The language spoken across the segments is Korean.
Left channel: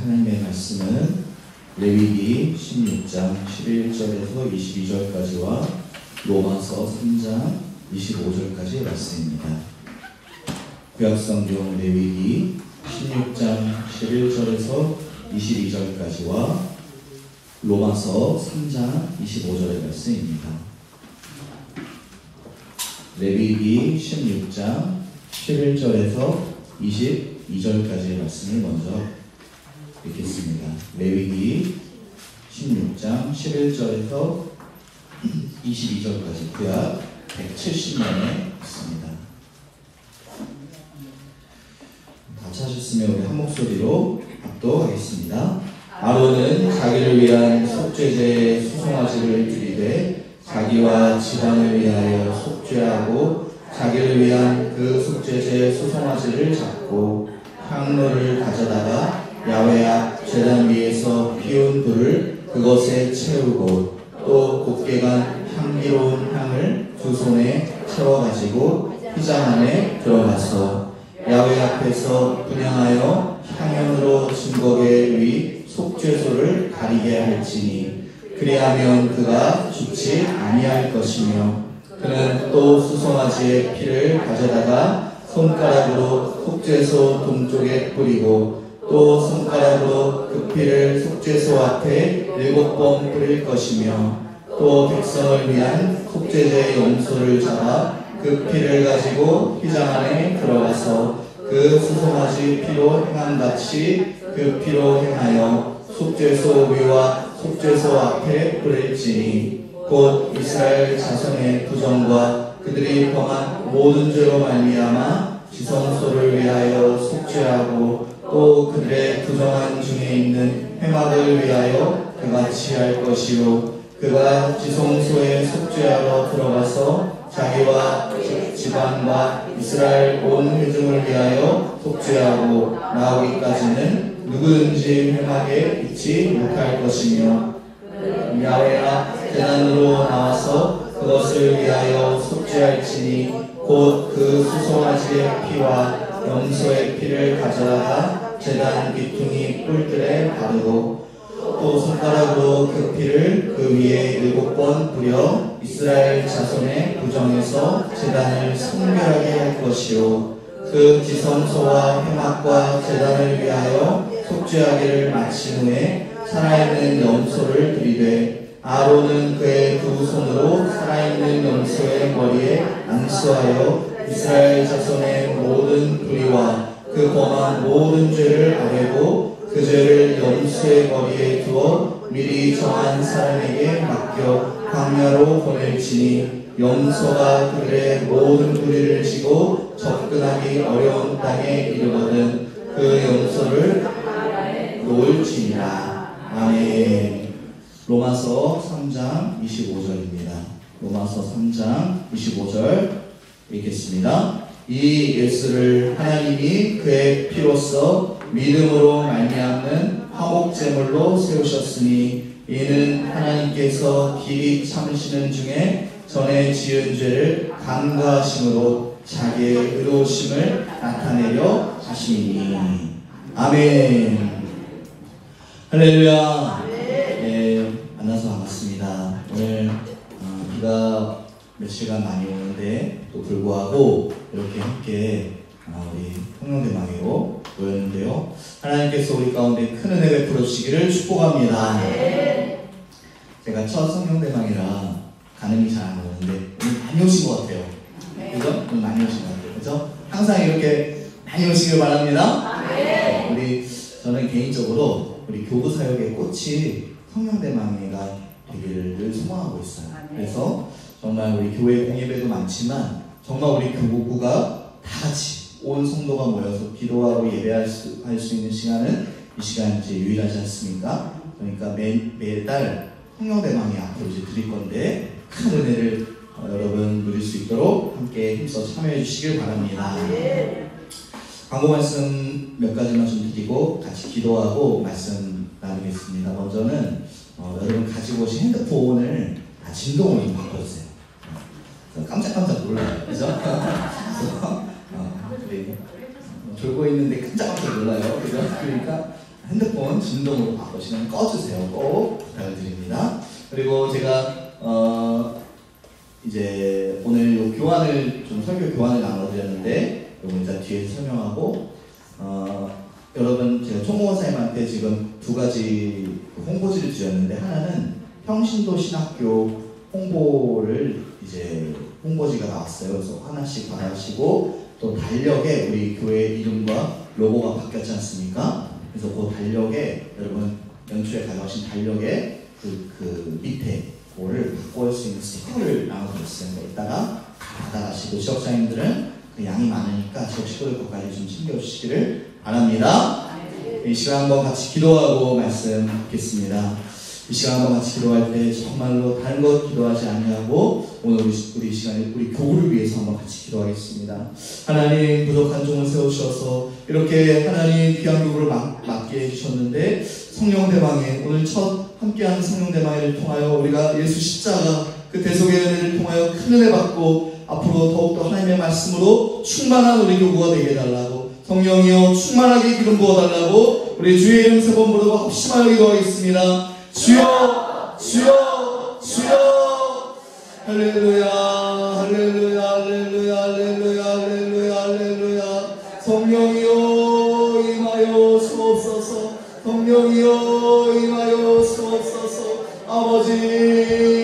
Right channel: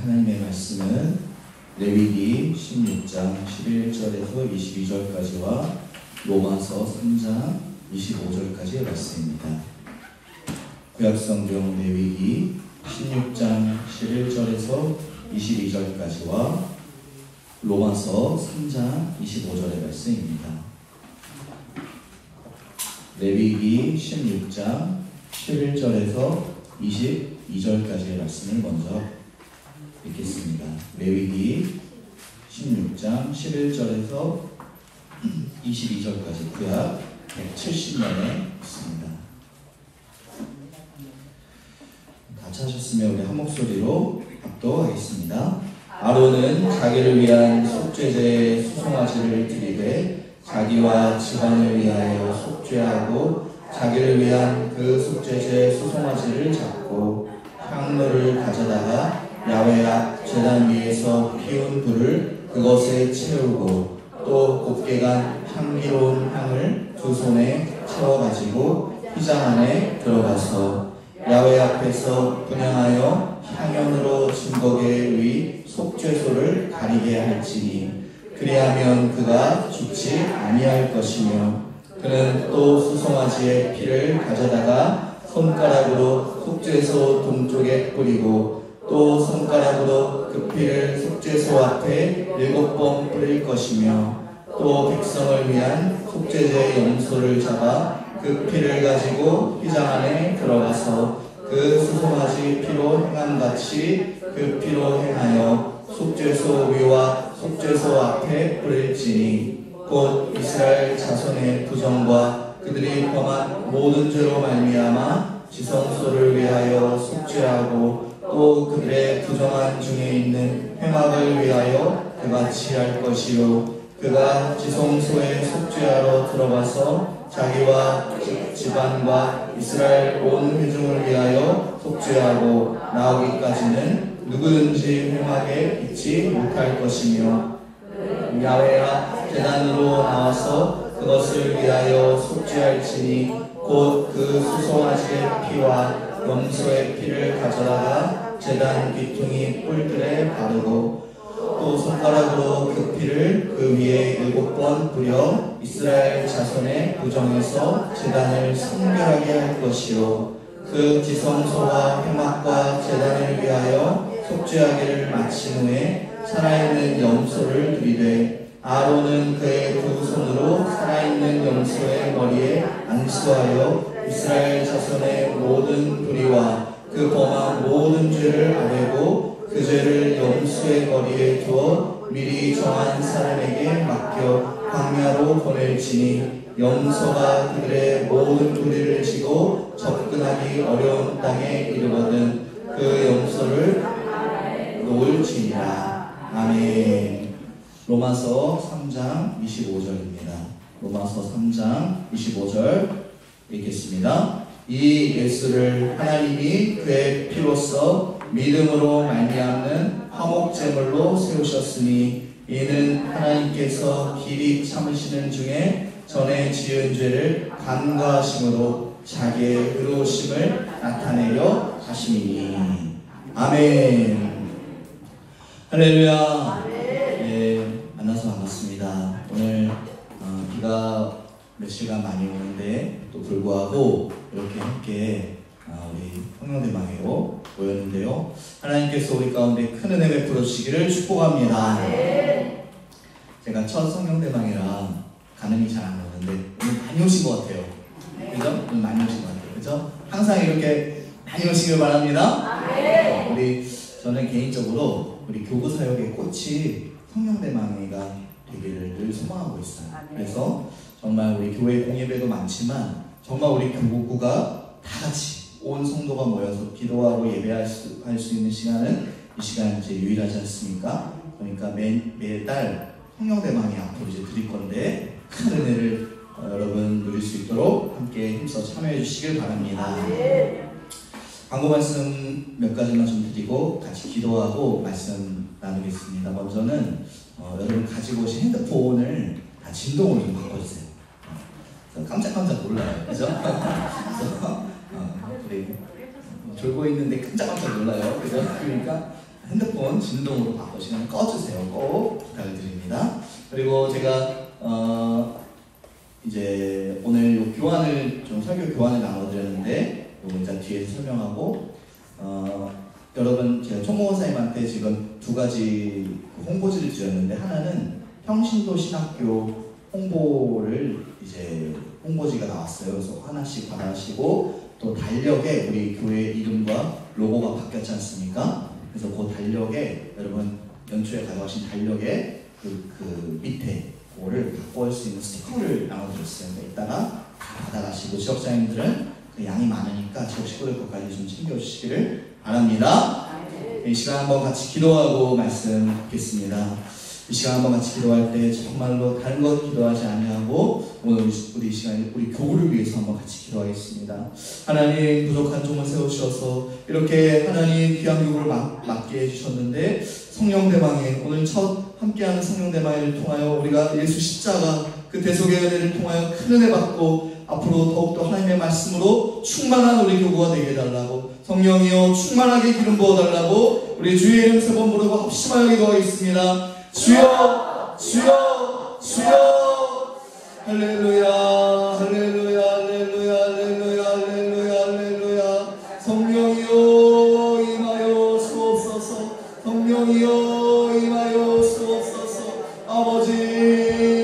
하나님의 말씀은 레위기 16장 11절에서 22절까지와 로마서 3장 25절까지의 말씀입니다. 구약성경 레위기 16장 11절에서 22절까지와 로마서 3장 25절의 말씀입니다. 레위기 16장 11절에서 22절까지의 말씀을 먼저 읽겠습니다. 레위기 16장 11절에서 22절까지 구약 170년에 있습니다. 다 찾으셨으면 우리 한 목소리로 합독하겠습니다. 아론은 자기를 위한 속죄제의 수송아지를 드리되 자기와 집안을 위하여 속죄하고 자기를 위한 그 속죄제의 수송아지를 잡고 향로를 가져다가 야훼 앞 제단 위에서 피운 불을 그것에 채우고 또 곱게 간 향기로운 향을 두 손에 채워가지고 휘장 안에 들어가서 야훼 앞에서 분향하여 향연으로 증거계 위 속죄소를 가리게 할지니 그리하면 그가 죽지 아니할 것이며 그는 또 수송아지의 피를 가져다가 손가락으로 속죄소 동쪽에 뿌리고 또 손가락으로 그 피를 속죄소 앞에 7번 뿌릴 것이며 또 백성을 위한 속죄제의 염소를 잡아 그 피를 가지고 휘장 안에 들어가서 그 수송아지 피로 행함같이 그 피로 행하여 속죄소 위와 속죄소 앞에 뿌릴지니 곧 이스라엘 자손의 부정과 그들이 범한 모든 죄로 말미암아 지성소를 위하여 속죄하고 또 그들의 부정한 중에 있는 회막을 위하여 그같이 할 것이요 그가 지성소에 속죄하러 들어가서 자기와 집안과 이스라엘 온 회중을 위하여 속죄하고 나오기까지는 누구든지 회막에 있지 못할 것이며 야훼 앞 제단으로 나와서 그것을 위하여 속죄할지니 곧 그 수송아지의 피와 염소의 피를 가져다가 제단 귀퉁이 뿔들에 바르고 또 손가락으로 그 피를 그 위에 7번 뿌려 이스라엘 자손의 부정에서 제단을 성결하게 할 것이요 그 지성소와 회막과 제단을 위하여 속죄하기를 마친 후에 살아있는 염소를 드리되 아론은 그의 두 손으로 살아있는 염소의 머리에 안수하여 이스라엘 자손의 모든 불의와 그 범한 모든 죄를 아뢰고 그 죄를 염소의 머리에 두어 미리 정한 사람에게 맡겨 광야로 보낼지니 염소가 그들의 모든 불의를 지고 접근하기 어려운 땅에 이르거든 그 염소를 놓을지니라. 아멘. 로마서 3장 25절입니다. 로마서 3장 25절 읽겠습니다. 이 예수를 하나님이 그의 피로써 믿음으로 말미암는 화목제물로 세우셨으니 이는 하나님께서 길이 참으시는 중에 전에 지은 죄를 간과하심으로 자기의 의로우심을 나타내려 하시니. 아멘. 할렐루야. 만나서 반갑습니다. 오늘 비가 며칠간 많이 오는데 또 불구하고 이렇게 함께 우리 성령대망회로 모였는데요. 하나님께서 우리 가운데 큰 은혜 베풀어 주시기를 축복합니다. 제가 첫 성령대망회라 가늠이 잘 안 오는데 오늘 많이 오신 것 같아요. 그죠? 오늘 많이 오신 것 같아요. 그죠? 항상 이렇게 많이 오시길 바랍니다. 저는 개인적으로 우리 교구 사역의 꽃이 성령대망회가 되기를 늘 소망하고 있어요. 그래서 정말 우리 교회 공예배도 많지만 정말 우리 교구가 다 같이 온 성도가 모여서 기도하고 예배할 수 있는 시간은 이 시간이 이제 유일하지 않습니까? 그러니까 매달 성령대망회 앞으로 이제 드릴 건데 큰 은혜를 여러분 누릴 수 있도록 함께 힘써 참여해 주시길 바랍니다. 광고 말씀 몇 가지만 좀 드리고 같이 기도하고 말씀 나누겠습니다. 먼저는 여러분 가지고 오신 핸드폰을 다 진동으로 좀 바꿔주세요. 깜짝깜짝 놀라요. 그죠? 그래. 졸고 있는데 깜짝깜짝 놀라요. 그죠? 그러니까 핸드폰 진동으로 바꾸시면 꺼주세요. 꼭 부탁을 드립니다. 그리고 제가 이제 오늘 요 교환을 좀 설교 교환을 나눠드렸는데 요거 일단 뒤에서 설명하고 여러분 제가 총무원사님한테 지금 두 가지 홍보지를 지었는데 하나는 평신도 신학교 홍보를 이제 홍보지가 나왔어요. 그래서 하나씩 받아가시고 또 달력에 우리 교회 이름과 로고가 바뀌었지 않습니까? 그래서 그 달력에 여러분 연초에 가져가신 달력에 그 밑에 뭐를 바꿀 수 있는 스티커를 나눠드렸어요. 이따가 다 받아가시고 지역장님들은 그 양이 많으니까 지역 식구들 것까지 좀 챙겨주시기를 바랍니다. 이 시간 한번 같이 기도하고 말씀 듣겠습니다. 이 시간 한번 같이 기도할 때 정말로 다른 것 기도하지 아니하고 오늘 우리 시간에 우리 교우를 위해서 한번 같이 기도하겠습니다. 하나님 부족한 종을 세우셔서 이렇게 하나님 귀한 교우를 맡게 해주셨는데 성령대망에 오늘 첫 함께하는 성령대망회를 통하여 우리가 예수 십자가 그 대속의 은혜를 통하여 큰 은혜 받고 앞으로 더욱더 하나님의 말씀으로 충만한 우리 교우가 되게 해달라고 성령이여 충만하게 기름 부어달라고 우리 주의 이름 세 번 부르고 합심하여 기도하겠습니다. 주여 주여 주여 할렐루야 할렐루야 할렐루야 할렐루야 할렐루야 할렐루야 성령이여 임하여 주옵소서 성령이여 임하여 주옵소서 아버지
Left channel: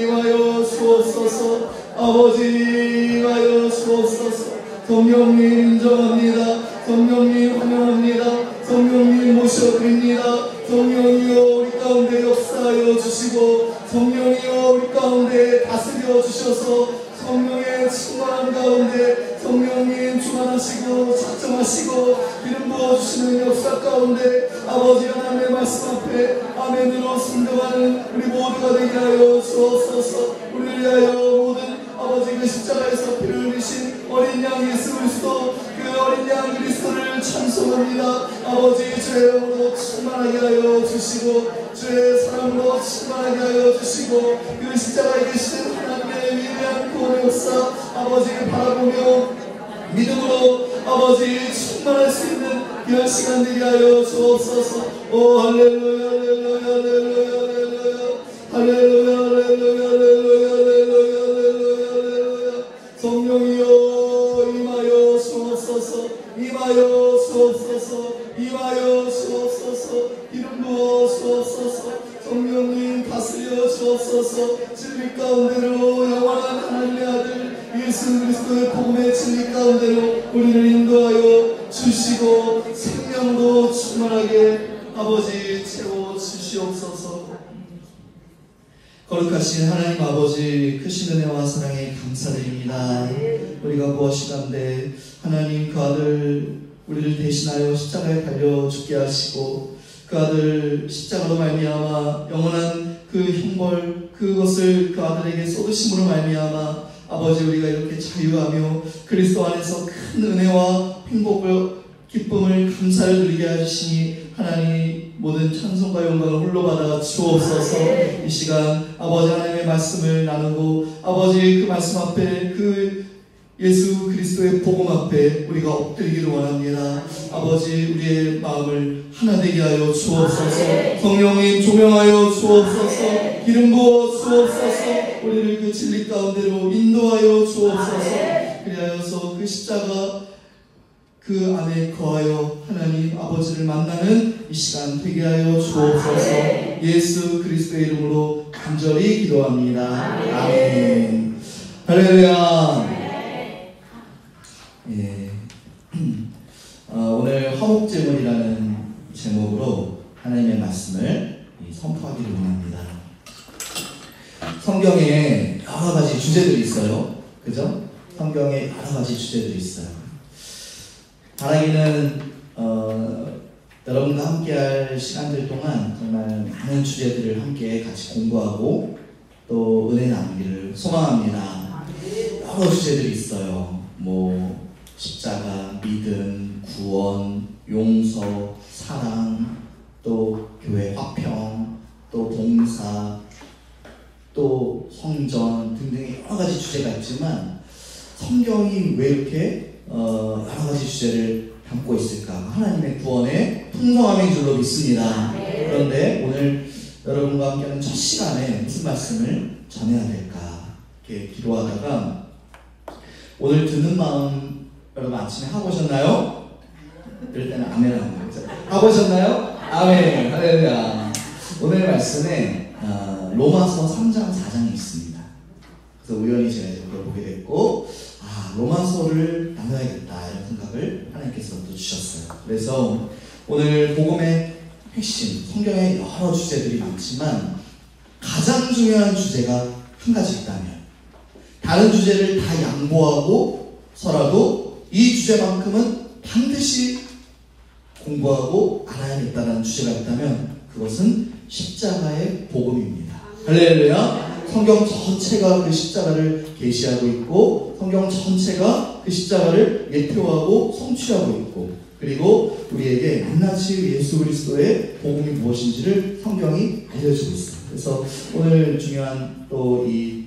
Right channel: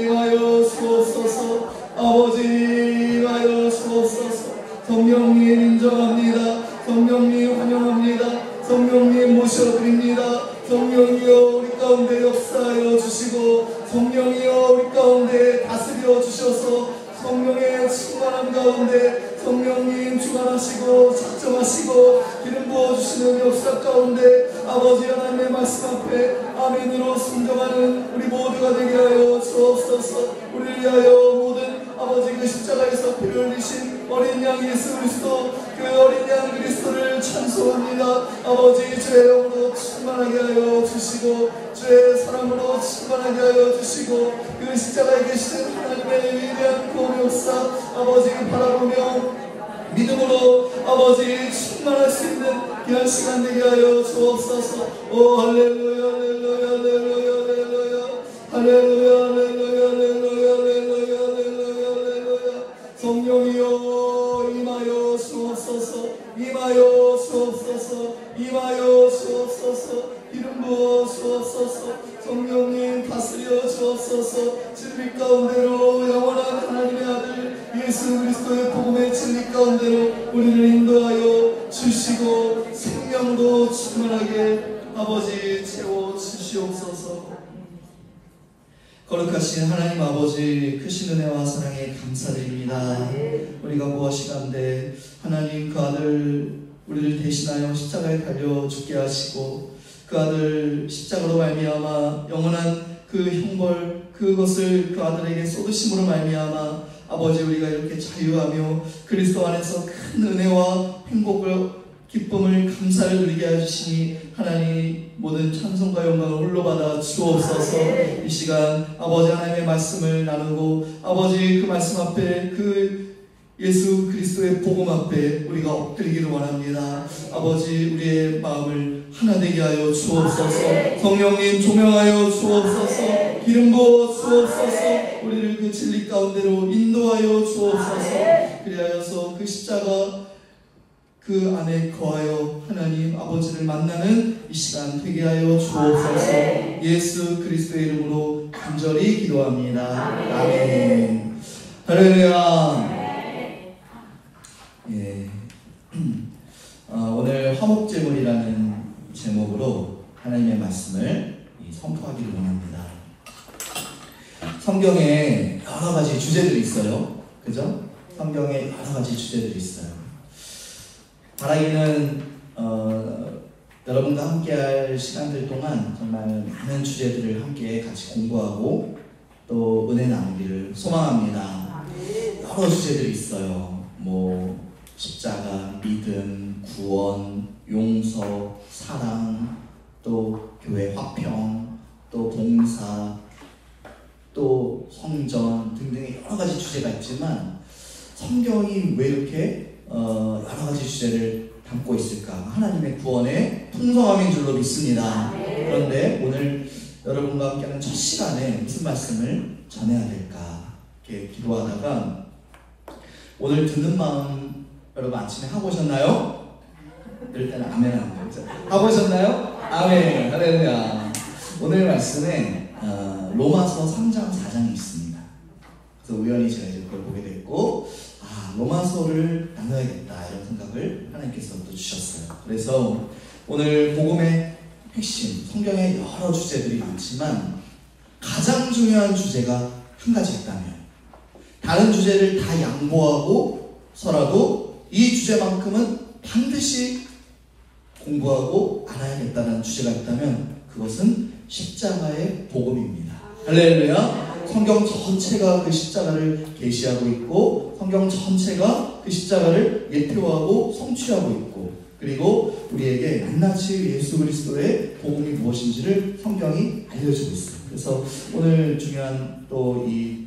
임하여 주옵소서 아버지 임하여 주옵소서 성령님 인정합니다. 성령님 환영합니다. 성령님 모셔드립니다. 성령이여 우리 가운데 역사하여 주시고 성령이여 우리 가운데 다스려 주셔서 성령의 충만함 가운데 성령님 충만하시고 작정하시고 기름 부어주시는 역사 가운데 아버지 하나님의 말씀 앞에 아멘으로 순종하는 우리 모두가 되게 하여 주옵소서. 우리를 위하여 모든 아버지 그 십자가에서 피를 흘리신 어린 양 예수 그리스도 그 어린 양 그리스도를 찬송합니다. 아버지 주의 영으로 충만하게 하여 주시고 주의 사랑으로 충만하게 하여 주시고 그 십자가에 계신 하나님의 위대한 구원의 역사 아버지 바라보며 믿음으로 아버지 충만할 수 있는 귀한 시간 되게 하여 주옵소서. 오 할렐루야 할렐루야 할렐루야 할렐루야 할렐루야 할렐루야 할렐루야 할렐루야 할렐루야 성령이여 임하여 주옵소서 임하여 주옵소서 임하여 주옵소서 기름 부어 주옵소서 성령님 다스려 주옵소서 진리 가운데로 영원한 하나님의 아들 예수 그리스도의 복음의 진리 가운데로 우리를 인도하여 주시고 생명도 충만하게 아버지 채워 주시옵소서. 거룩하신 하나님 아버지 크신 은혜와 사랑에 감사드립니다. 우리가 무엇이간데 하나님 그 아들 우리를 대신하여 십자가에 달려 죽게 하시고 그 아들 십자가로 말미암아 영원한 그 형벌 그것을 그 아들에게 쏟으심으로 말미암아 아버지 우리가 이렇게 자유하며 그리스도 안에서 큰 은혜와 행복을 기쁨을 감사를 누리게 해주시니 하나님 모든 찬송과 영광을 홀로 받아 주옵소서. 이 시간 아버지 하나님의 말씀을 나누고 아버지 그 말씀 앞에 그 예수 그리스도의 복음 앞에 우리가 엎드리기를 원합니다. 아버지 우리의 마음을 하나 되게 하여 주옵소서. 성령님 조명하여 주옵소서. 기름 부어 주옵소서. 우리를 그 진리 가운데로 인도하여 주옵소서. 그리하여서 그 십자가 그 안에 거하여 하나님 아버지를 만나는 이 시간 되게 하여 주옵소서. 예수 그리스도의 이름으로 간절히 기도합니다. 아멘. 할렐루야. 예. 오늘 화목제물이라는 제목으로 하나님의 말씀을 선포하기를 원합니다. 성경에 여러 가지 주제들이 있어요. 그죠? 성경에 여러 가지 주제들이 있어요. 바라기는 여러분과 함께할 시간들 동안 정말 많은 주제들을 함께 같이 공부하고 또 은혜 나누기를 소망합니다. 여러 주제들이 있어요. 뭐 십자가, 믿음, 구원, 용서, 사랑, 또 교회 화평, 또 봉사, 또 성전 등등의 여러 가지 주제가 있지만 성경이 왜 이렇게 여러 가지 주제를 담고 있을까? 하나님의 구원의 풍성함인 줄로 믿습니다. 그런데 오늘 여러분과 함께하는 첫 시간에 무슨 말씀을 전해야 될까 이렇게 기도하다가 오늘 듣는 마음 여러분 아침에 하고 오셨나요? 이럴 때는 아멘 하는 거죠. 하고 오셨나요? 아멘. 할렐루야. 오늘 말씀에 로마서 3장 4장이 있습니다. 그래서 우연히 제가 이제 그걸 보게 됐고 로마서를 나눠야겠다 이런 생각을 하나님께서 또 주셨어요. 그래서 오늘 복음의 핵심, 성경에 여러 주제들이 많지만 가장 중요한 주제가 한 가지 있다면 다른 주제를 다 양보하고 서라도 이 주제만큼은 반드시 공부하고 알아야겠다는 주제가 있다면 그것은 십자가의 복음입니다. 할렐루야. 성경 전체가 그 십자가를 계시하고 있고 성경 전체가 그 십자가를 예표하고 성취하고 있고 그리고 우리에게 낱낱이 예수 그리스도의 복음이 무엇인지를 성경이 알려주고 있어요. 그래서 오늘 중요한 또 이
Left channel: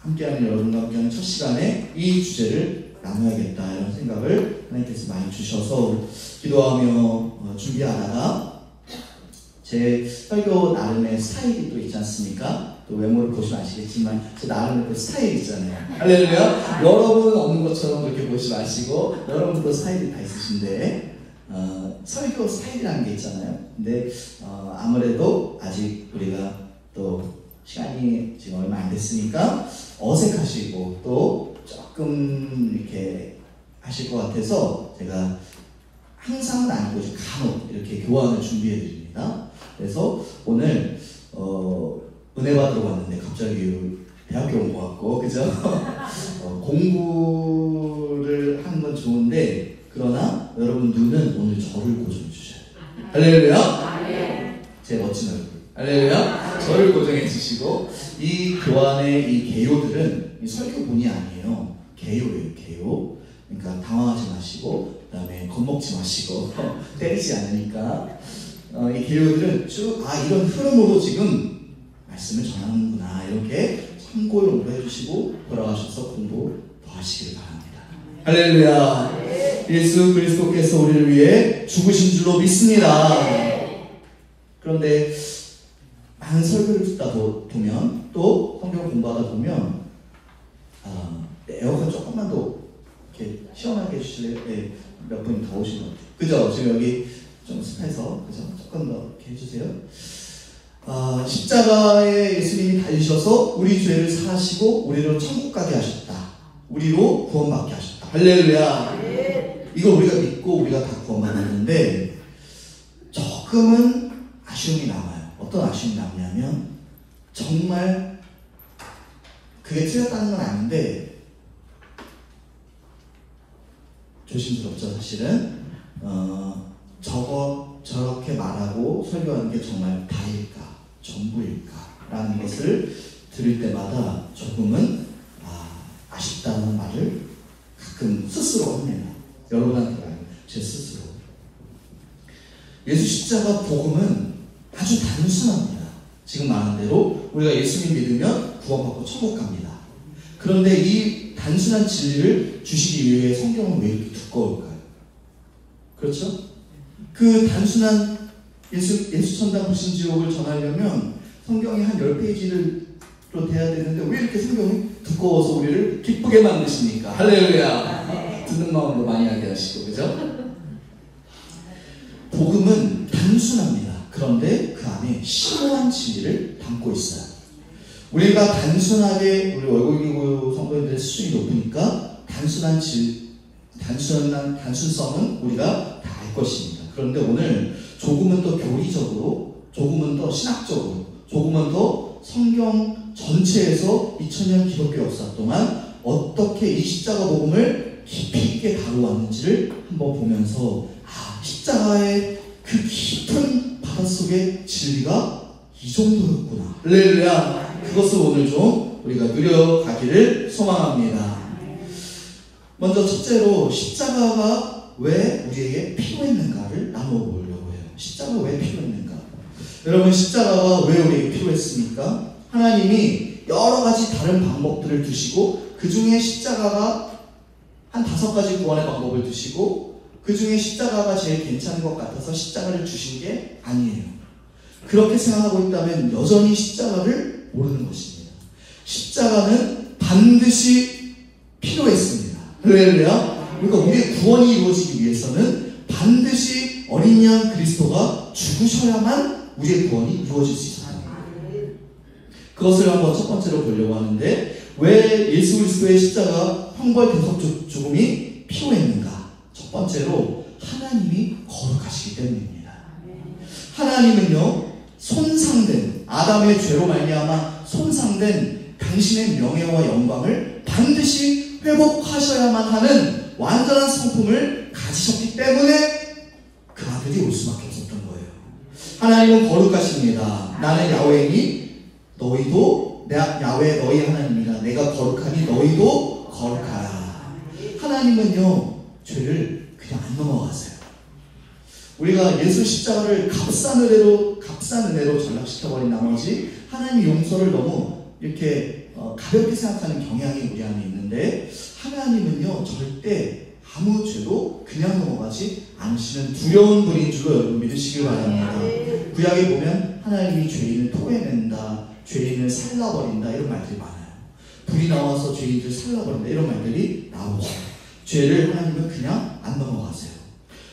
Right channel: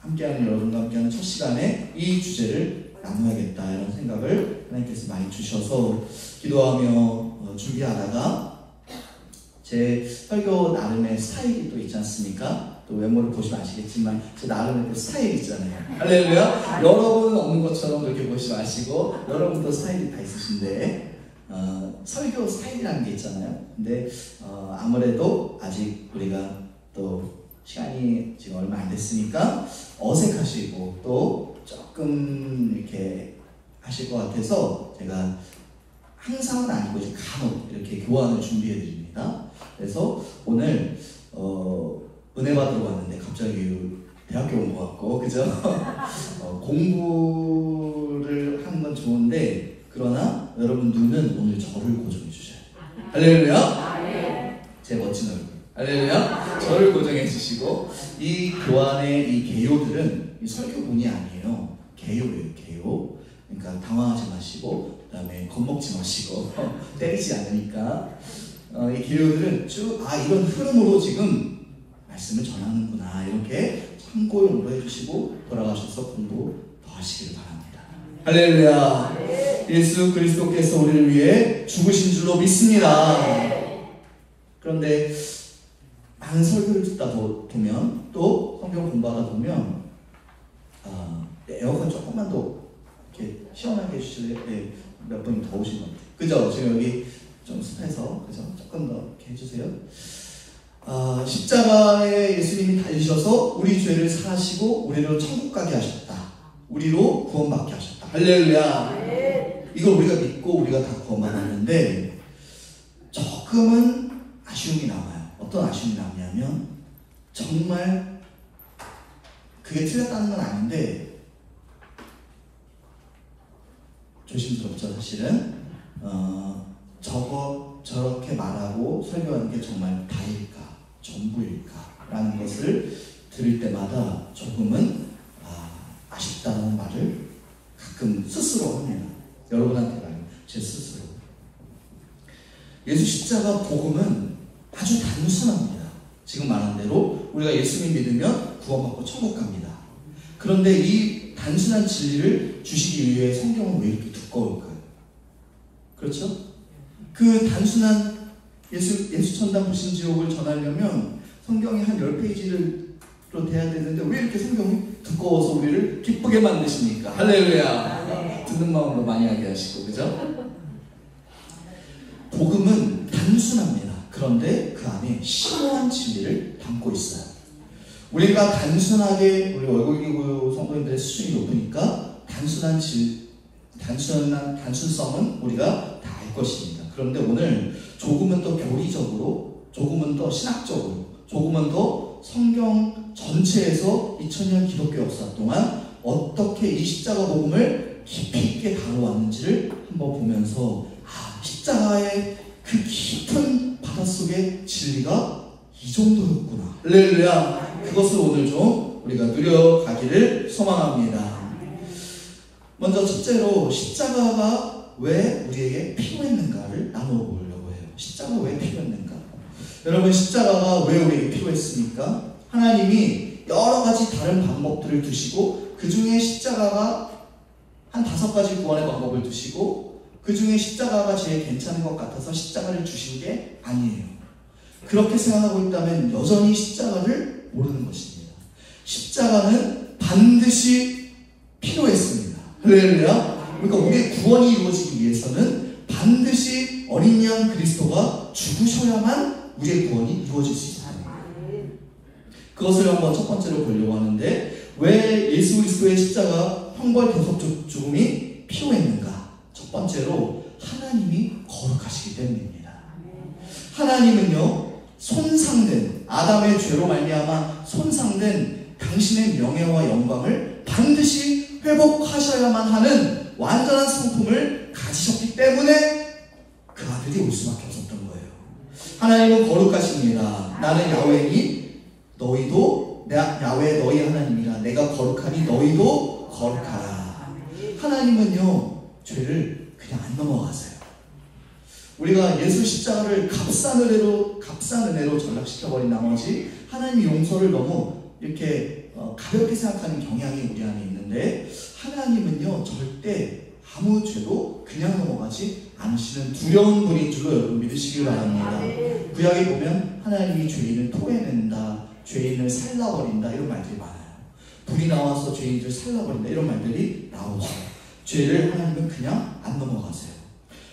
함께하는 여러분과 함께하는 첫 시간에 이 주제를 나눠야겠다 이런 생각을 하나님께서 많이 주셔서 기도하며 준비하다가 제 설교 나름의 스타일이 또 있지 않습니까? 또 외모를 보시면 아시겠지만 제 나름의 스타일이 있잖아요. 할렐루야. 여러분 없는 것처럼 그렇게 보시지 마시고 여러분도 스타일이 다 있으신데 설교 스타일이라는 게 있잖아요. 근데 아무래도 아직 우리가 또 시간이 지금 얼마 안 됐으니까 어색하시고 또 조금 이렇게 하실 것 같아서 제가 항상은 아니고 이제 간혹 이렇게 교환을 준비해 드립니다. 그래서 오늘 은혜 받으러 왔는데 갑자기 대학교 온 것 같고 그죠? 공부를 하는 건 좋은데 그러나 여러분 눈은 오늘 저를 고정해 주셔야 돼요. 할렐루야. 제 멋진 얼굴. 할렐루야. 저를 고정해 주시고 이 교환의 이 개요들은 설교문이 아니에요. 개요예요. 개요. 그러니까 당황하지 마시고 그 다음에 겁먹지 마시고 때리지 않으니까 이 개요들은 쭉 이런 흐름으로 지금 말씀을 전하는구나 이렇게 참고로 공부해 주시고 돌아가셔서 공부 더 하시길 바랍니다. 할렐루야. 예수 그리스도께서 우리를 위해 죽으신 줄로 믿습니다. 그런데 많은 설교를 듣다 보면 또 성경 공부하다 보면 에어컨 조금만 더 이렇게 시원하게 해주실래요? 네, 몇 분이 더 오신 것 같아요. 그죠? 지금 여기 좀 습해서 그죠? 조금 더 이렇게 해주세요. 십자가에 예수님이 달리셔서 우리 죄를 사하시고 우리를 천국 가게 하셨다. 우리로 구원받게 하셨다. 할렐루야. 이걸 우리가 믿고 우리가 다 구원받았는데 조금은 아쉬움이 나와요. 어떤 아쉬움이 남냐면 정말 그게 틀렸다는 건 아닌데 조심스럽죠 사실은. 저렇게 말하고 설교하는 게 정말 다일까 전부일까 라는 것을 들을 때마다 조금은 아쉽다는 말을 가끔 스스로 합니다. 여러분한테 말고 제 스스로. 예수 십자가 복음은 아주 단순합니다. 지금 말한 대로 우리가 예수님 믿으면 구원받고 천국 갑니다. 그런데 이 단순한 진리를 주시기 위해 성경은 왜 이렇게 두꺼울까요? 그렇죠? 그 단순한 예수 천당 불신지옥을 전하려면 성경이 한 10페이지로 돼야 되는데 왜 이렇게 성경이 두꺼워서 우리를 기쁘게 만드십니까? 할렐루야. 듣는 마음으로 많이 하게 하시고 그죠? 복음은 단순합니다. 그런데 그 안에 심오한 진리를 담고 있어요. 우리가 단순하게 우리 월곡이고 성도님들의 수준이 높으니까 단순성은 우리가 다 알 것입니다. 그런데 오늘 조금은 더 교리적으로, 조금은 더 신학적으로, 조금은 더 성경 전체에서 2000년 기독교 역사 동안 어떻게 이 십자가 복음을 깊이 있게 다루었는지를 한번 보면서 십자가의 그 깊은 바닷속의 진리가 이 정도였구나. 할렐루야. 그것을 오늘 좀 우리가 누려가기를 소망합니다. 먼저 첫째로 십자가가 왜 우리에게 필요했는가를 나눠보려고 해요. 십자가가 왜 필요했는가? 여러분 십자가가 왜 우리에게 필요했습니까? 하나님이 여러 가지 다른 방법들을 두시고 그 중에 십자가가 한 5가지 구원의 방법을 두시고 그 중에 십자가가 제일 괜찮은 것 같아서 십자가를 주신 게 아니에요. 그렇게 생각하고 있다면 여전히 십자가를 모르는 것입니다. 십자가는 반드시 필요했습니다. 할렐루야. 그러니까 우리의 구원이 이루어지기 위해서는 반드시 어린 양 그리스도가 죽으셔야만 우리의 구원이 이루어질 수 있습니다. 그것을 한번 첫 번째로 보려고 하는데, 왜 예수 그리스도의 십자가 형벌 대속 죽음이 필요했는가? 첫 번째로 하나님이 거룩하시기 때문입니다. 하나님은요, 손상된 아담의 죄로 말미암아 손상된 당신의 명예와 영광을 반드시 회복하셔야만 하는 완전한 성품을 가지셨기 때문에 그 아들이 올 수밖에 없었던 거예요. 하나님은 거룩하십니다. 나는 야훼니 너희도 야훼 너희 하나님이라. 내가 거룩하니 너희도 거룩하라. 하나님은요, 죄를 그냥 안 넘어가세요. 우리가 예수 십자가를 값싼 은혜로 전락시켜버린 나머지 하나님의 용서를 너무 이렇게 가볍게 생각하는 경향이 우리 안에 있는데, 하나님은요, 절대 아무 죄도 그냥 넘어가지 않으시는 두려운 분인 줄로 여러분 믿으시길 바랍니다. 구약에 보면 하나님이 죄인을 토해낸다, 죄인을 살라버린다, 이런 말들이 많아요. 불이 나와서 죄인을 살라버린다, 이런 말들이 나오죠. 죄를 하나님은 그냥 안 넘어가세요.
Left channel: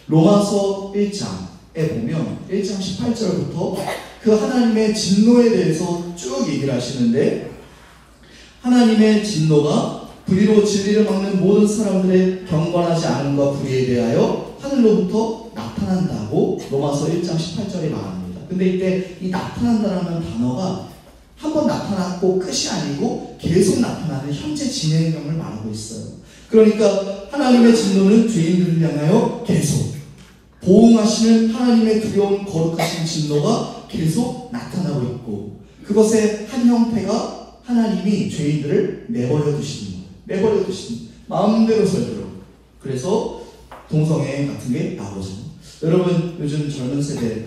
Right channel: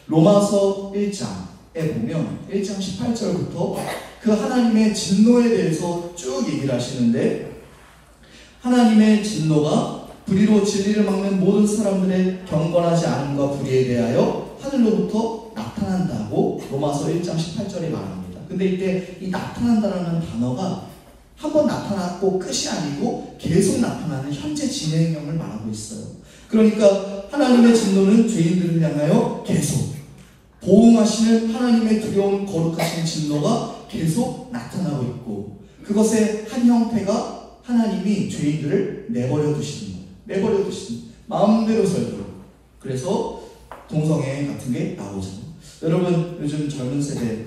로마서 1장에 보면 1장 18절부터 그 하나님의 진노에 대해서 쭉 얘기를 하시는데, 하나님의 진노가 불의로 진리를 막는 모든 사람들의 경건하지 않음과 불의에 대하여 하늘로부터 나타난다고 로마서 1장 18절에 말합니다. 근데 이때 이 나타난다라는 단어가 한번 나타났고 끝이 아니고 계속 나타나는 현재 진행형을 말하고 있어요. 그러니까 하나님의 진노는 죄인들을 향하여 계속, 보응하시는 하나님의 두려운 거룩하신 진노가 계속 나타나고 있고, 그것의 한 형태가 하나님이 죄인들을 내버려 두시는 거예요. 내버려 두시는, 마음대로 살도록. 그래서 동성애 같은 게 나오죠. 여러분, 요즘 젊은 세대,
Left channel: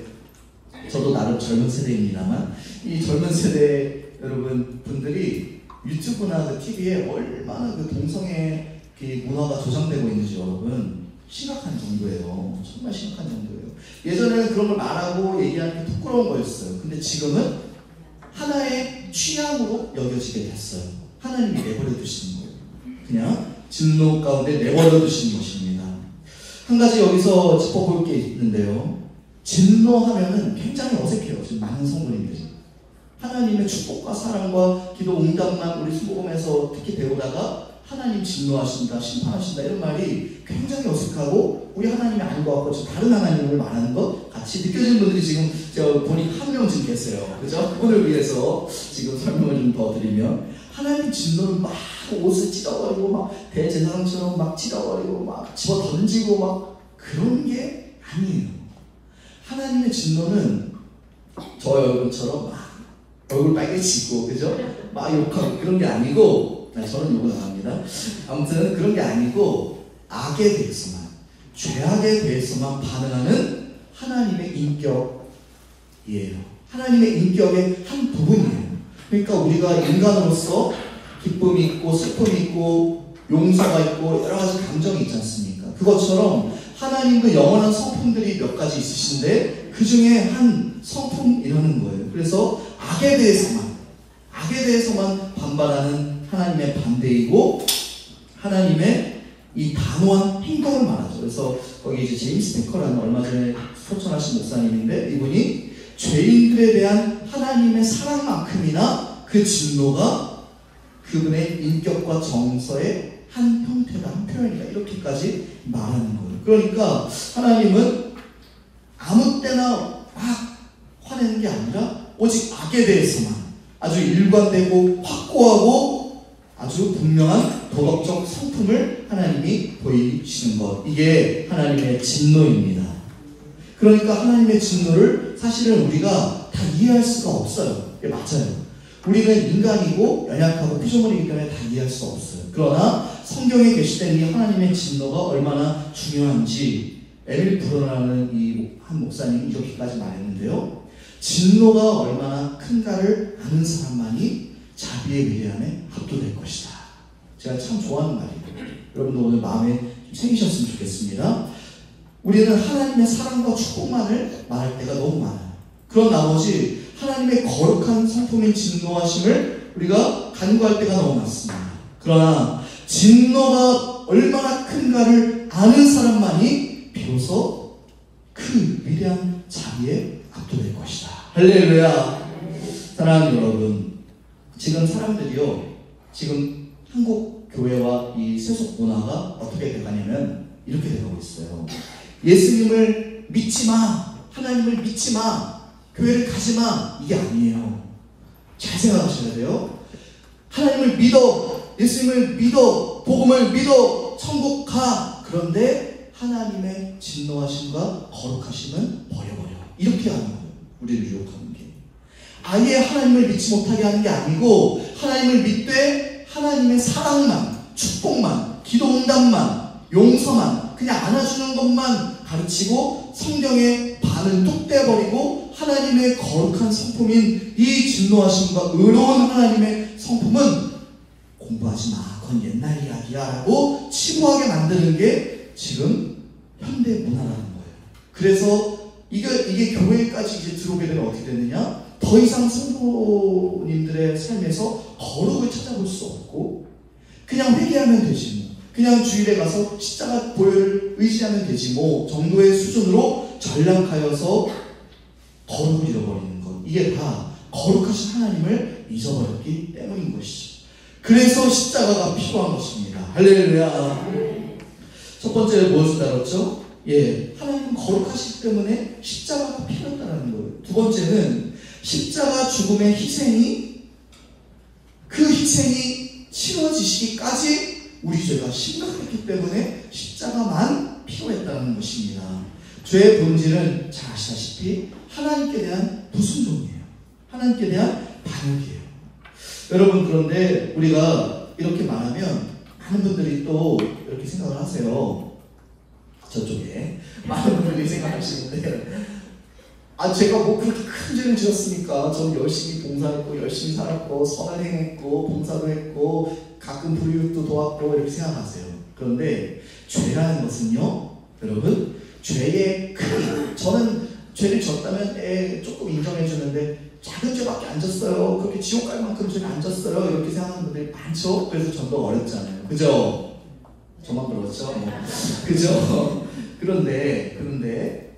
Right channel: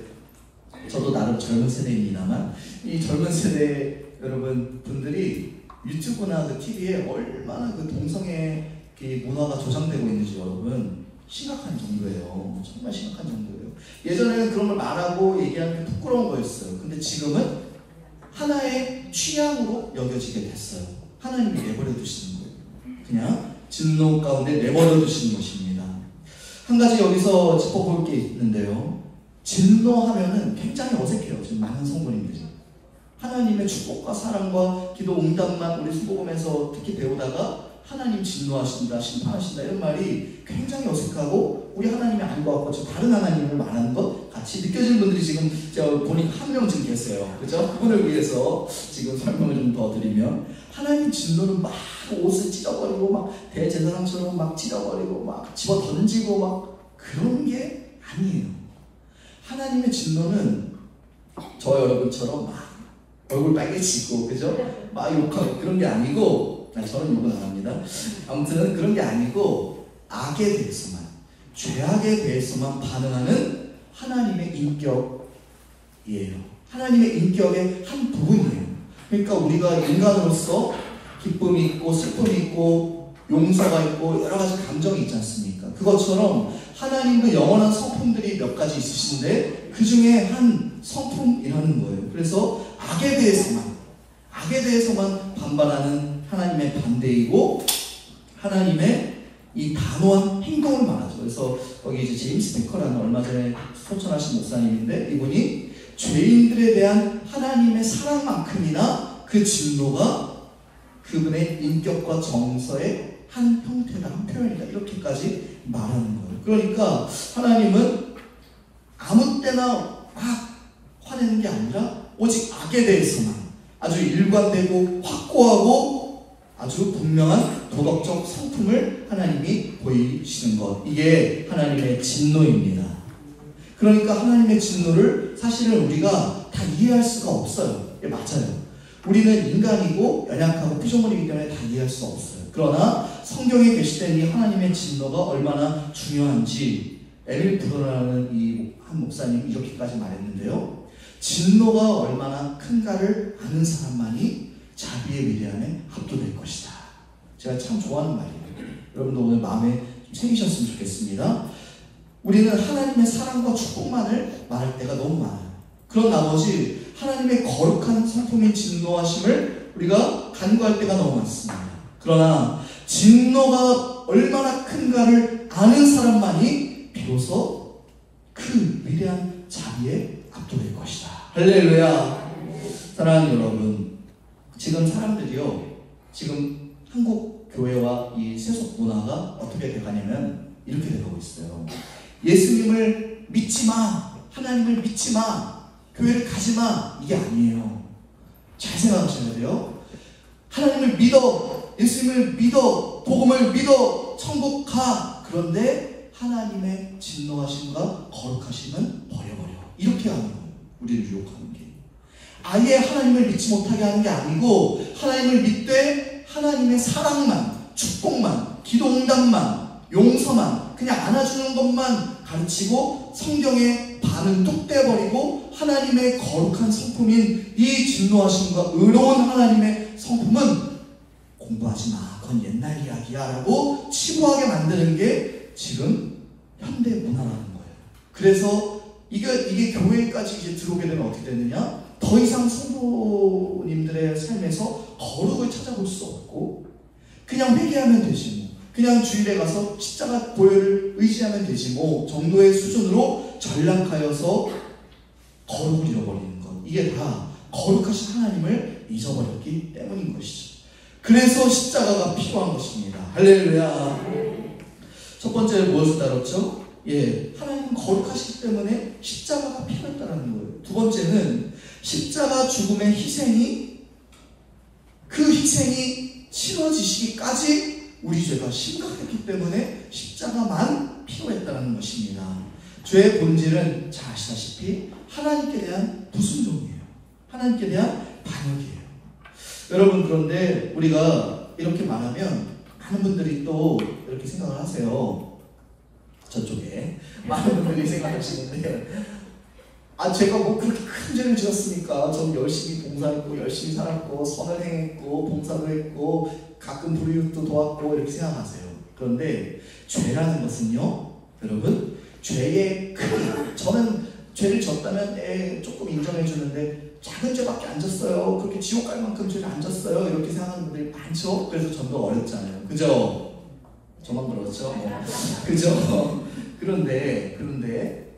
저도 나름 젊은 세대입니다만, 이 젊은 세대 여러분 분들이 유튜브나 그 TV에 얼마나 그 동성애 문화가 조장되고 있는지 여러분 심각한 정도예요. 정말 심각한 정도예요. 예전에는 그런 걸 말하고 얘기하는 게 부끄러운 거였어요. 근데 지금은 하나의 취향으로 여겨지게 됐어요. 하나님이 내버려 두시는 거예요. 그냥 진노 가운데 내버려 두시는 것입니다. 한 가지 여기서 짚어볼 게 있는데요. 진노하면은 굉장히 어색해요. 지금 많은 성도님들이. 하나님의 축복과 사랑과 기도 응답만 우리 수복음에서 특히 배우다가 하나님 진노하신다, 심판하신다, 이런 말이 굉장히 어색하고, 우리 하나님이 아닌 것 같고 지금 다른 하나님을 말하는 것 같이 느껴지는 분들이 지금 제가 보니까 한 명 지금 계세요. 그죠? 그분을 위해서 지금 설명을 좀 더 드리면, 하나님 진노는 막 옷을 찢어버리고 막 대제사장처럼 막 찢어버리고 막 집어 던지고 막 그런 게 아니에요. 하나님의 진노는 저 여러분처럼 막 얼굴 빨개지고, 그죠? 막 욕하고 그런 게 아니고, 아니, 저는 욕은 안 합니다. 아무튼 그런 게 아니고, 악에 대해서만, 죄악에 대해서만 반응하는 하나님의 인격이에요. 하나님의 인격의 한 부분이에요. 그러니까 우리가 인간으로서 기쁨이 있고 슬픔이 있고 용서가 있고 여러 가지 감정이 있지 않습니까? 그것처럼 하나님도 영원한 성품들이 몇 가지 있으신데 그 중에 한 성품이라는 거예요. 그래서 악에 대해서만 반발하는 하나님의 반대이고, 하나님의 이 단호한 행동을 말하죠. 그래서 거기 이제 제임스 베커라는 얼마 전에 소천하신 목사님인데, 이분이 죄인들에 대한 하나님의 사랑만큼이나 그 진노가 그분의 인격과 정서의 한 형태다, 한 표현이다, 이렇게까지 말하는 거예요. 그러니까 하나님은 아무 때나 막 화내는 게 아니라 오직 악에 대해서만 아주 일관되고 확고하고 아주 분명한 도덕적 성품을 하나님이 보이시는 것, 이게 하나님의 진노입니다. 그러니까 하나님의 진노를 사실은 우리가 다 이해할 수가 없어요. 예, 맞아요. 우리는 인간이고 연약하고 피조물이기 때문에 다 이해할 수 없어요. 그러나 성경에 게시된 이 하나님의 진노가 얼마나 중요한지 에밀 브로라는 이 한 목사님이 이렇게까지 말했는데요. 진노가 얼마나 큰가를 아는 사람만이 자비의 미래함에 합도될 것이다. 제가 참 좋아하는 말이에요. 여러분도 오늘 마음에 좀 새기셨으면 좋겠습니다. 우리는 하나님의 사랑과 축복만을 말할 때가 너무 많아요. 그런 나머지 하나님의 거룩한 성품인 진노하심을 우리가 간구할 때가 너무 많습니다. 그러나 진노가 얼마나 큰가를 아는 사람만이 비로소 그 위대한 자리에 압도될 것이다. 할렐루야. 사랑하는 여러분, 지금 사람들이요, 지금 한국 교회와 이 세속 문화가 어떻게 돼가냐면 이렇게 돼가고 있어요. 예수님을 믿지 마, 하나님을 믿지 마, 교회를 가지 마, 이게 아니에요. 잘 생각하셔야 돼요. 하나님을 믿어, 예수님을 믿어, 복음을 믿어, 천국 가. 그런데 하나님의 진노하심과 거룩하심은 버려버려. 이렇게 하는 거예요. 우리를 유혹하는 게. 아예 하나님을 믿지 못하게 하는 게 아니고 하나님을 믿되 하나님의 사랑만, 축복만, 기도응답만, 용서만, 그냥 안아주는 것만 가르치고 성경의 반은 뚝 떼버리고 하나님의 거룩한 성품인 이 진노하심과 의로운 하나님의 성품은 공부하지 마, 그건 옛날 이야기야 라고 치부하게 만드는 게 지금 현대 문화라는 거예요. 그래서 이게 교회까지 이제 들어오게 되면 어떻게 됐느냐? 더 이상 성도님들의 삶에서 거룩을 찾아볼 수 없고 그냥 회개하면 되지 뭐, 그냥 주일에 가서 십자가 보혈을 의지하면 되지 뭐 정도의 수준으로 전락하여서 거룩을 잃어버리는 것, 이게 다 거룩하신 하나님을 잊어버렸기 때문인 것이죠. 그래서 십자가가 필요한 것입니다. 할렐루야. 첫 번째는 무엇을 다뤘죠? 하나님은 거룩하시기 때문에 십자가가 필요했다는 거예요. 두 번째는 십자가 죽음의 희생이, 그 희생이 치러지시기까지 우리 죄가 심각했기 때문에 십자가만 필요했다는 것입니다. 죄의 본질은 잘 아시다시피 하나님께 대한 불순종이에요. 하나님께 대한 반역이에요. 여러분, 그런데 우리가 이렇게 말하면 많은 분들이 또 이렇게 생각을 하세요. 저쪽에 많은 분들이 생각하시는데, 제가 뭐 그렇게 큰 죄를 지었습니까? 저는 열심히 봉사했고 열심히 살았고 선을 행했고 봉사도 했고 가끔 불이웃도 도왔고 이렇게 생각하세요. 그런데 죄라는 것은요, 여러분, 죄의 크기, 저는 죄를 졌다면 조금 인정해 주는데 작은 죄밖에 안 졌어요, 그렇게 지옥 갈 만큼 죄를 안 졌어요, 이렇게 생각하는 분들이 많죠. 그래서 전도 어렵잖아요. 그죠? 저만 그렇죠? 그죠? 그런데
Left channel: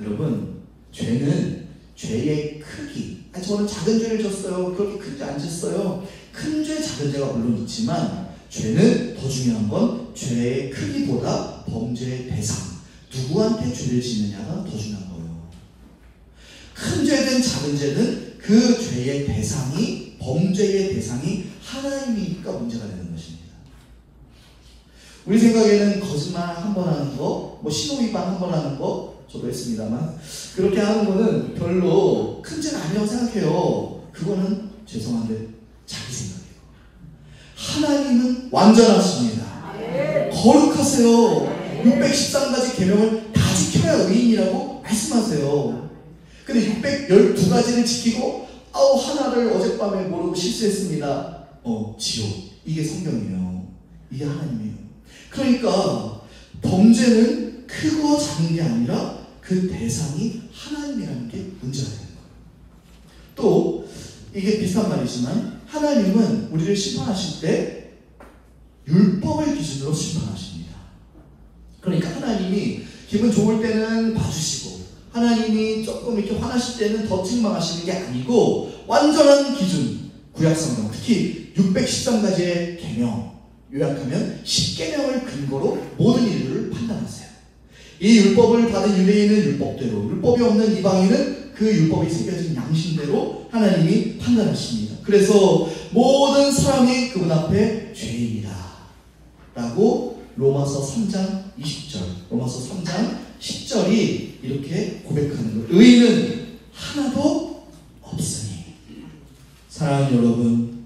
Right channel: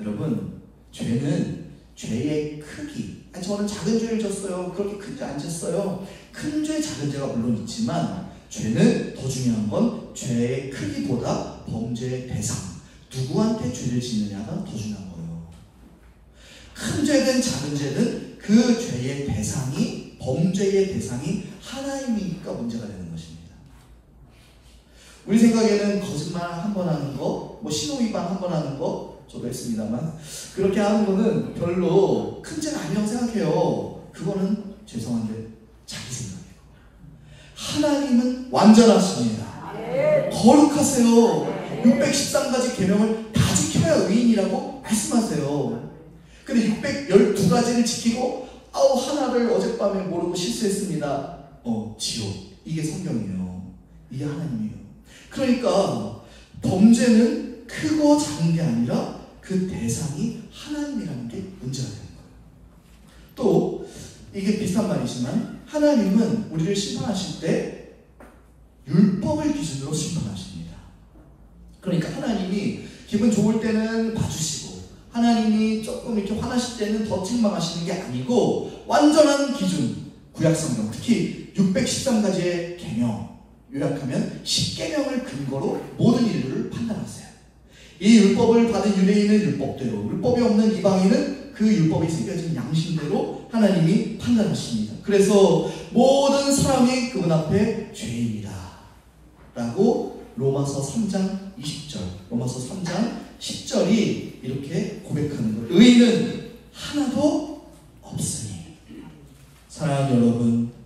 여러분, 죄는 죄의 크기, 저는 작은 죄를 졌어요, 그렇게 큰 죄 안 졌어요, 큰 죄 작은 죄가 물론 있지만 죄는 더 중요한 건 죄의 크기보다 범죄의 대상, 누구한테 죄를 짓느냐가 더 중요한 거예요. 큰 죄든 작은 죄든 그 죄의 대상이, 범죄의 대상이 하나님이니까 문제가 되는 것입니다. 우리 생각에는 거짓말 한 번 하는 거, 뭐 신호위반 한 번 하는 거, 저도 했습니다만, 그렇게 하는 거는 별로 큰 죄는 아니라고 생각해요. 그거는 죄송한데 자기 생각이에요. 하나님은 완전하십니다. 거룩하세요. 613가지 계명을 다 지켜야 의인이라고 말씀하세요. 근데 612가지를 지키고 하나를 어젯밤에 모르고 실수했습니다. 지옥. 이게 성경이에요. 이게 하나님이에요. 그러니까 범죄는 크고 작은 게 아니라 그 대상이 하나님이라는 게 문제가 되는 거예요. 또 이게 비슷한 말이지만 하나님은 우리를 심판하실 때 율법을 기준으로 심판하십니다. 그러니까 하나님이 기분 좋을 때는 봐주시고 하나님이 조금 이렇게 화나실 때는 더 책망하시는 게 아니고 완전한 기준, 구약성경, 특히 613가지의 계명, 요약하면 10계명을 근거로 모든 일을 판단하세요. 이 율법을 받은 유대인은 율법대로, 율법이 없는 이방인은 그 율법이 새겨진 양심대로 하나님이 판단하십니다. 그래서 모든 사람이 그분 앞에 죄인이다 라고 로마서 3장 20절, 로마서 3장 10절이 이렇게 고백하는 거예요. 의인은 하나도 없으니. 사랑하는 여러분,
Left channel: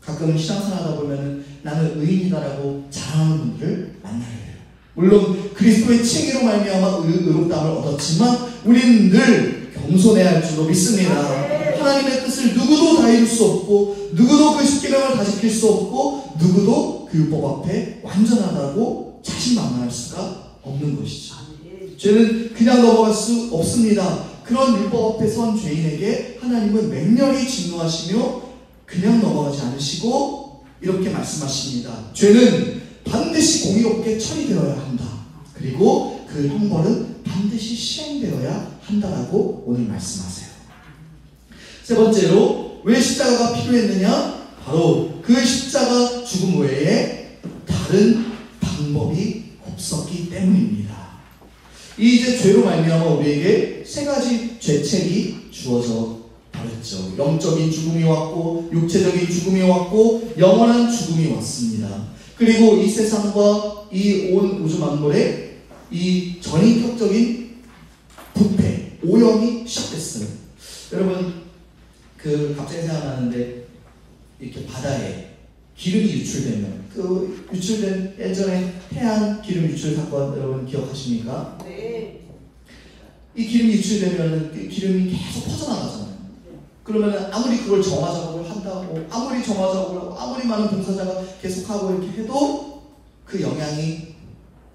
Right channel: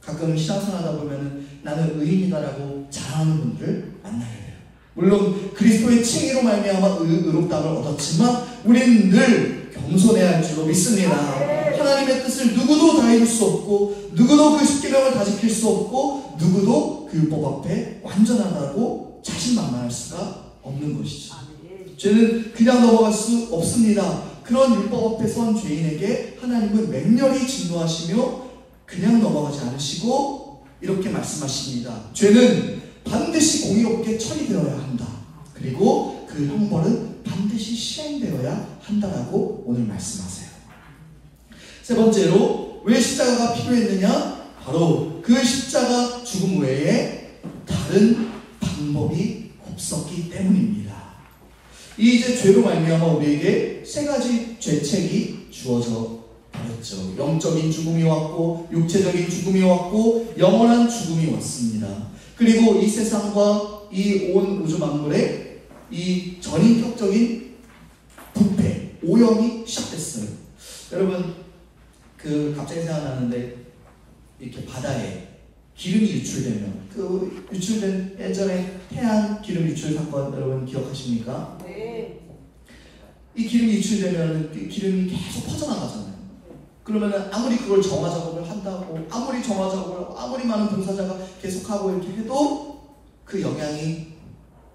가끔 신앙생활 하다 보면 나는 의인이다라고 자랑하는 분들을 만나게 돼요. 물론 그리스도의 칭의로 말미암아 의롭다함을 얻었지만 우리는 늘 겸손해야 할 줄로 믿습니다. 하나님의 뜻을 누구도 다 이룰 수 없고 누구도 그 10계명을 다 지킬 수 없고 누구도 그 율법 앞에 완전하다고 자신만만할 수가 없는 것이죠. 죄는 그냥 넘어갈 수 없습니다. 그런 율법 앞에 선 죄인에게 하나님은 맹렬히 진노하시며 그냥 넘어가지 않으시고 이렇게 말씀하십니다. 죄는 반드시 공의롭게 처리되어야 한다. 그리고 그 형벌은 반드시 시행되어야 한다라고 오늘 말씀하세요. 세 번째로 왜 십자가가 필요했느냐? 바로 그 십자가 죽음 외에 다른 방법이 없었기 때문입니다. 이제 죄로 말미암아 우리에게 세 가지 죄책이 주어져 버렸죠. 영적인 죽음이 왔고 육체적인 죽음이 왔고 영원한 죽음이 왔습니다. 그리고 이 세상과 이 온 우주 만물에 이 전인격적인 부패, 오염이 시작됐어요. 여러분 갑자기 생각나는데 이렇게 바다에 기름이 유출되면 유출된 예전에 태양 기름 유출 사건 여러분 기억하십니까? 네. 이 기름이 유출되면 기름이 계속 퍼져나가잖아요. 그러면 아무리 그걸 정화 작업을 한다고 아무리 정화 작업을 하고 아무리 많은 봉사자가 계속하고 이렇게 해도 그 영향이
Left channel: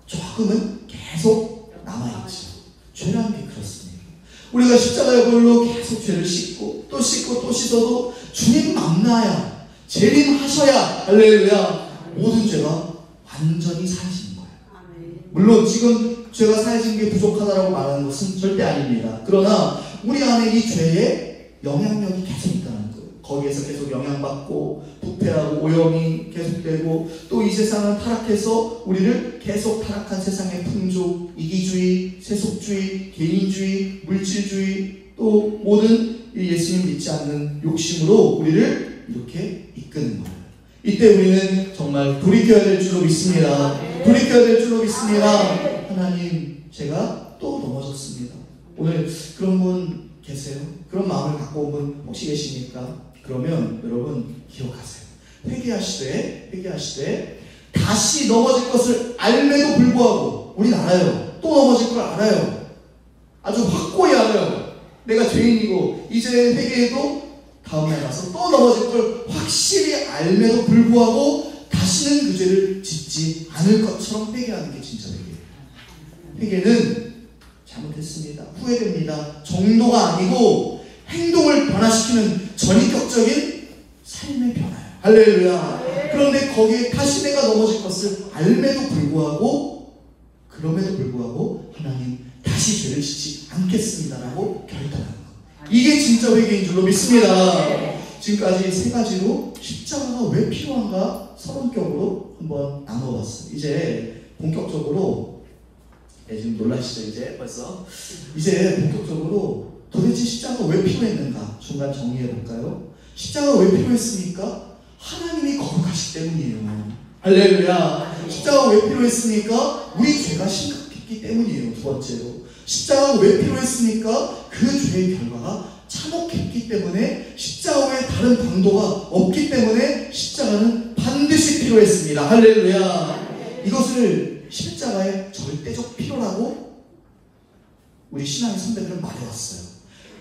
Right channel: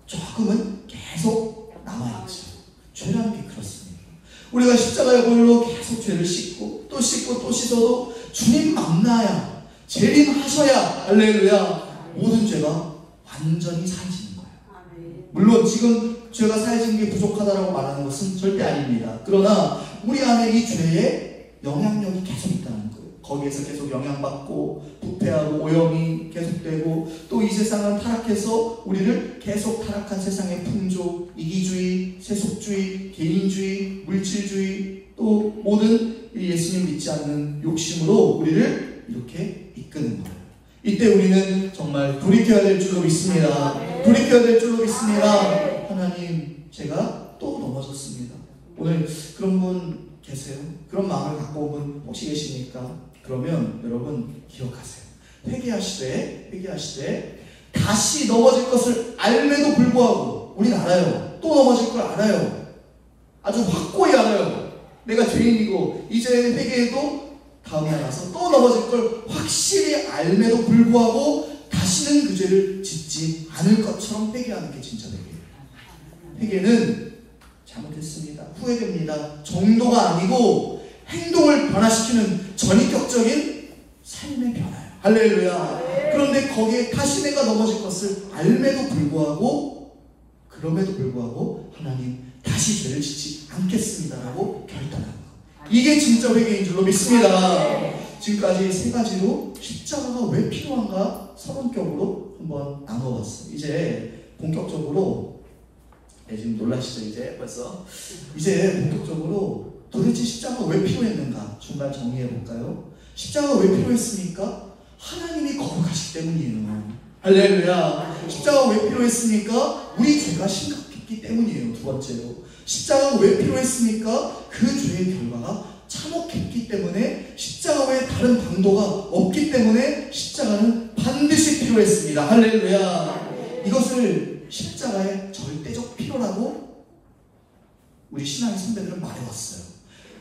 조금은 계속 남아있죠. 죄라는 게 그렇습니다. 우리가 십자가의 볼로 계속 죄를 씻고 또 씻어도 주님 만나야 재림하셔야 할렐루야 모든 죄가 완전히 사해지는 거예요. 물론 지금 죄가 사해지는 게 부족하다고 말하는 것은 절대 아닙니다. 그러나 우리 안에 이 죄의 영향력이 계속 있다는 거예요. 거기에서 계속 영향받고 부패하고 오염이 계속되고 또 이 세상은 타락해서 우리를 계속 타락한 세상의 풍조, 이기주의, 세속주의, 개인주의, 물질주의 또 모든 예수님 믿지 않는 욕심으로 우리를 이렇게 이끄는 거예요. 이때 우리는 정말 돌이켜야 될 줄로 믿습니다. 돌이켜야 될 줄로 믿습니다. 하나님, 제가 또 넘어졌습니다. 오늘 그런 분 계세요? 그런 마음을 갖고 온 분 혹시 계십니까? 그러면 여러분 기억하세요. 회개하시되 다시 넘어질 것을 알매도 불구하고 우린 알아요. 또 넘어질 걸 알아요. 아주 확고히 알아요. 내가 죄인이고 이제 회개해도 다음날 가서 또 넘어질 걸 확실히 알매도 불구하고 다시는 그 죄를 짓지 않을 것처럼 회개하는 게 진짜 회개예요. 회개는 잘못했습니다. 후회됩니다. 정도가 아니고 행동을 변화시키는 전인격적인 삶의 변화예요. 할렐루야. 그런데 거기에 다시 내가 넘어질 것을 알매도 불구하고 그럼에도 불구하고 하나님 다시 죄를 짓지 않겠습니다라고 결단하는 것. 이게 진짜 회개인 줄로 믿습니다. 지금까지 세 가지로 십자가가 왜 필요한가 서론격으로 한번 나눠봤어요. 이제 본격적으로 지금 놀라시죠? 이제 벌써 본격적으로 도대체 십자가가 왜 필요했는가 중간 정리해볼까요? 십자가가 왜 필요했습니까? 하나님이 거룩하시기 때문이에요. 할렐루야. 십자가가 왜 필요했습니까? 우리 죄가 심각했기 때문이에요. 두 번째로 십자가가 왜 필요했습니까? 그 죄의 결과가 참혹했기 때문에 십자가 외에 다른 방도가 없기 때문에 십자가는 반드시 필요했습니다. 할렐루야. 이것을 십자가의 절대적 필요라고 우리 신앙의 선배들은 말해왔어요.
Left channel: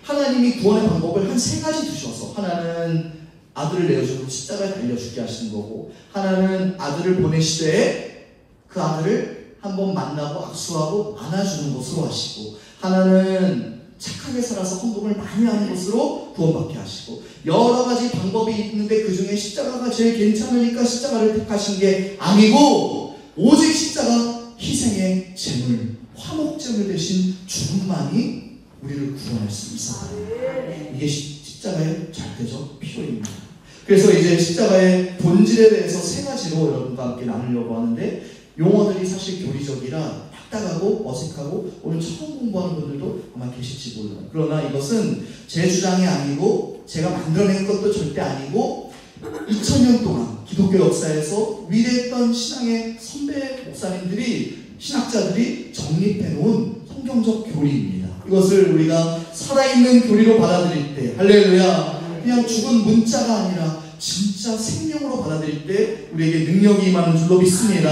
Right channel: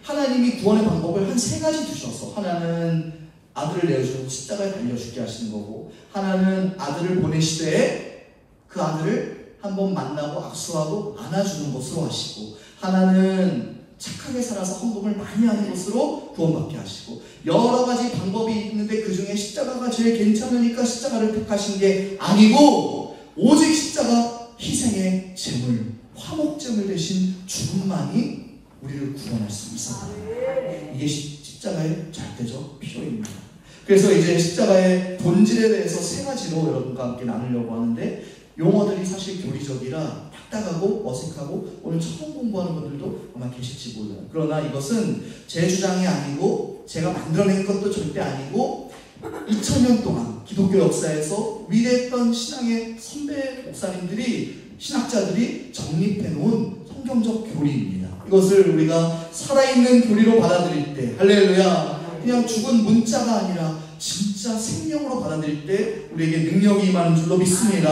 하나님이 구원의 방법을 한 세 가지 두셔서 하나는 아들을 내어주고 십자가에 달려 죽게 하시는 거고 하나는 아들을 보내시되 그 아들을 한번 만나고 악수하고 안아주는 것으로 하시고 하나는 착하게 살아서 헌금을 많이 하는 것으로 구원받게 하시고 여러 가지 방법이 있는데 그 중에 십자가가 제일 괜찮으니까 십자가를 택하신 게 아니고 오직 십자가 희생의 제물 화목제물 대신 죽음만이 우리를 구원할 수 있었다. 이게 십자가의 절대적 필요입니다. 그래서 이제 십자가의 본질에 대해서 세 가지로 여러분과 함께 나누려고 하는데 용어들이 사실 교리적이라 딱딱하고 어색하고 오늘 처음 공부하는 분들도 아마 계실지 몰라요. 그러나 이것은 제 주장이 아니고 제가 만들어낸 것도 절대 아니고 2000년 동안 기독교 역사에서 위대했던 신앙의 선배 목사님들이 신학자들이 정립해놓은 성경적 교리입니다. 이것을 우리가 살아있는 교리로 받아들일 때 할렐루야 그냥 죽은 문자가 아니라 진짜 생명으로 받아들일 때 우리에게 능력이 임하는 줄로 믿습니다.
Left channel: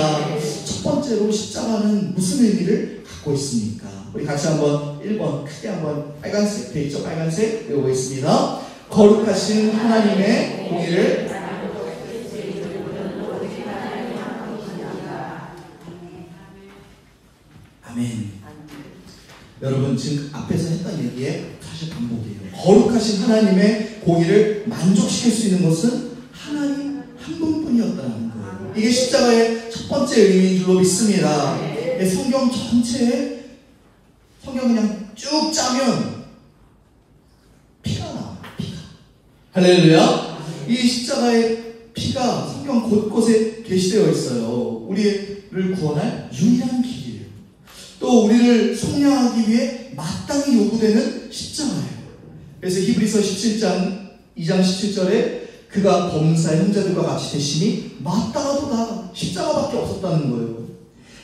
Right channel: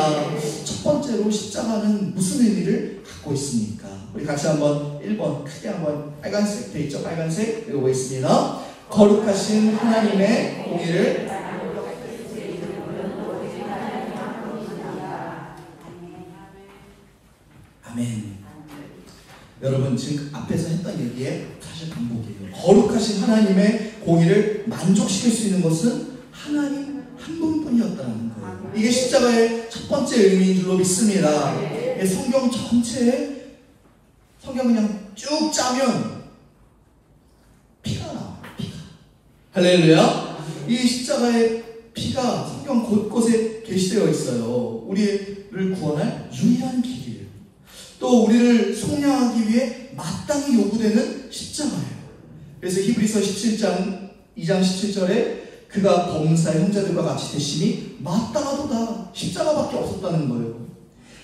첫 번째로 십자가는 무슨 의미를 갖고 있습니까? 우리 같이 한번 1번 크게 한번 빨간색 돼 있죠? 빨간색 외워보겠습니다. 거룩하신 하나님의 공의를 아멘. 여러분 지금 앞에서 했던 얘기의 사실 반복이에요. 거룩하신 하나님의 공의를 만족시킬 수 있는 것은 하나님 한 분뿐이었다는 거예요. 이게 십자가의 첫 번째 의미인 줄로 믿습니다. 성경 전체에 성경 그냥 쭉 짜면 피가 나와요. 피가. 할렐루야. 이 십자가의 피가 성경 곳곳에 게시되어 있어요. 우리를 구원할 유일한 길이에요. 또 우리를 속량하기 위해 마땅히 요구되는 십자가예요. 그래서 히브리서 17장 2장 17절에 그가 범사의 형제들과 같이 되심이 마땅하도다. 십자가밖에 없었다는 거예요.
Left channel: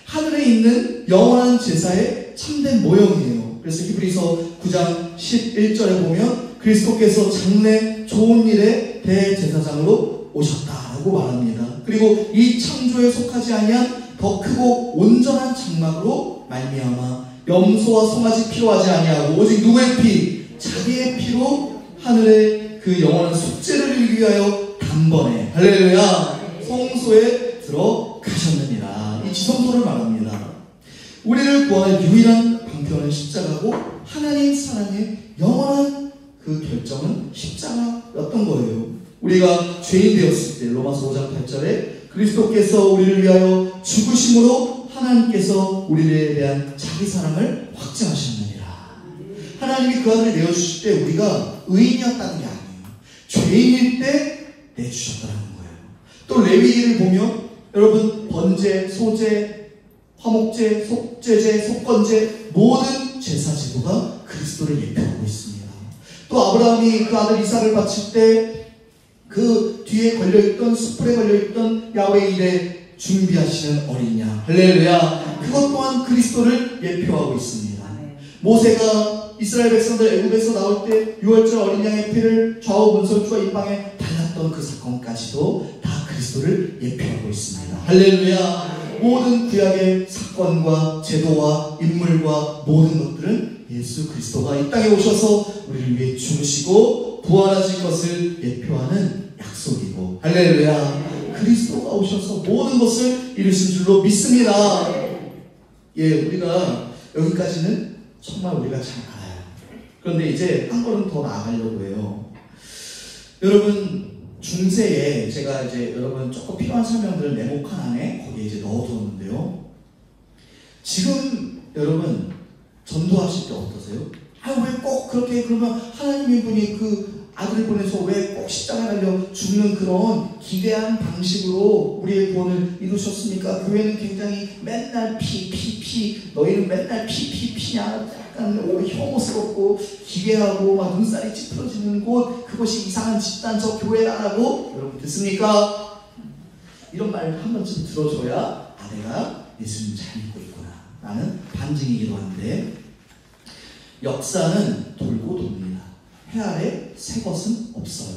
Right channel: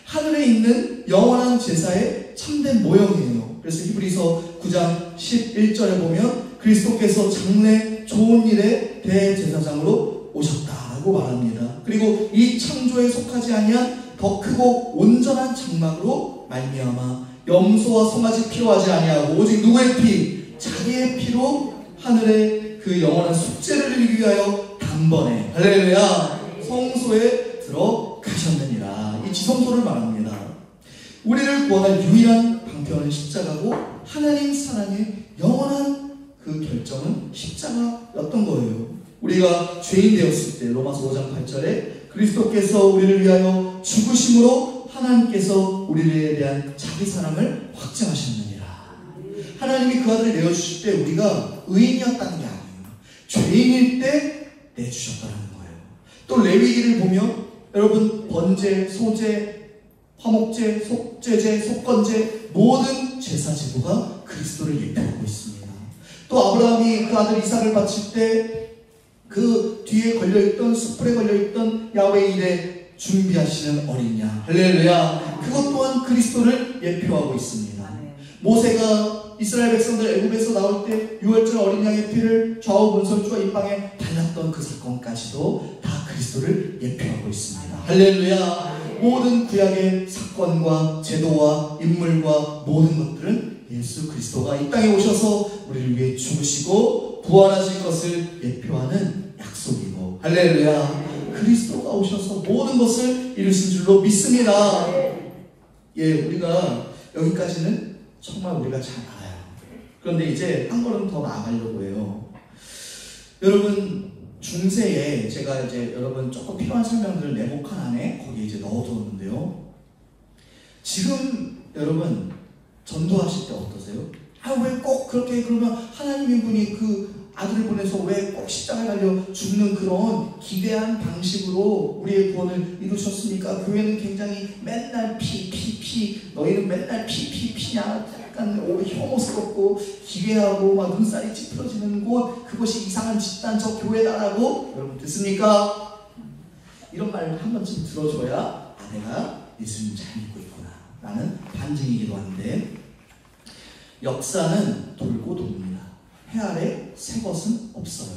하늘에 있는 영원한 제사의 참된 모형이에요. 그래서 히브리서 9장 11절에 보면 그리스도께서 장래 좋은 일의 대제사장으로 오셨다고 말합니다. 그리고 이 창조에 속하지 아니한 더 크고 온전한 장막으로 말미암아 염소와 송아지 필요하지 아니하고 오직 누구의 피? 자기의 피로 하늘의 그 영원한 속죄를 이루기 위하여 단번에 할렐루야 성소에 들어가셨느니라. 이 지성소를 말합니다. 우리를 구원할 유일한 방편은 십자가고 하나님 사랑의 영원한 그 결정은 십자가였던 거예요. 우리가 죄인 되었을 때 로마서 5장 8절에 그리스도께서 우리를 위하여 죽으심으로 하나님께서 우리에 대한 자기 사랑을 확증하셨느니라. 하나님이 그 아들을 내어주실 때 우리가 의인이었다는 게 아니에요. 죄인일 때 내주셨다는 거예요. 또 레위기를 보면 여러분 번제, 소제, 화목제, 속죄제, 속건제 모든 제사 제도가 그리스도를 예표하고 있습니다. 또 아브라함이 그 아들 이삭을 바칠 때 그 뒤에 걸려있던 숯불에 걸려있던 야훼 일에 준비하시는 어린 양 할렐루야 그것 또한 그리스도를 예표하고 있습니다. 모세가 이스라엘 백성들 애굽에서 나올 때 6월절 어린 양의 피를 좌우 문설주와 입방에 발랐던 그 사건까지도 다 그리스도를 예표하고 있습니다. 할렐루야. 모든 구약의 사건과 제도와 인물과 모든 것들은 예수 그리스도가 이 땅에 오셔서 우리를 위해 죽으시고 부활하실 것을 예표하는 약속이고 할렐루야 그리스도가 오셔서 모든 것을 이루신 줄로 믿습니다. 예, 우리가 여기까지는 정말 우리가 잘 알아요. 그런데 이제 한 걸음 더 나아가려고 해요. 여러분 중세에 제가 이제 여러분 조금 필요한 설명들을 네모칸 안에 거기에 이제 넣어두었는데요. 지금 여러분 전도하실 때 어떠세요? 왜 꼭 그렇게 그러면 하나님의 분이 그 아들을 보내서 왜 꼭 십자가에 달려 죽는 그런 기괴한 방식으로 우리의 구원을 이루셨습니까? 교회는 굉장히 맨날 피 너희는 맨날 피냐 약간 혐오스럽고 기괴하고 막 눈살이 찌푸러지는 곳 그것이 이상한 집단 저 교회다라고 여러분 듣습니까? 이런 말을 한 번쯤 들어줘야 내가 예수님 잘 믿고 있구나 라는 반증이기도 한데 역사는 돌고 돕니다. 해 아래 새 것은 없어요.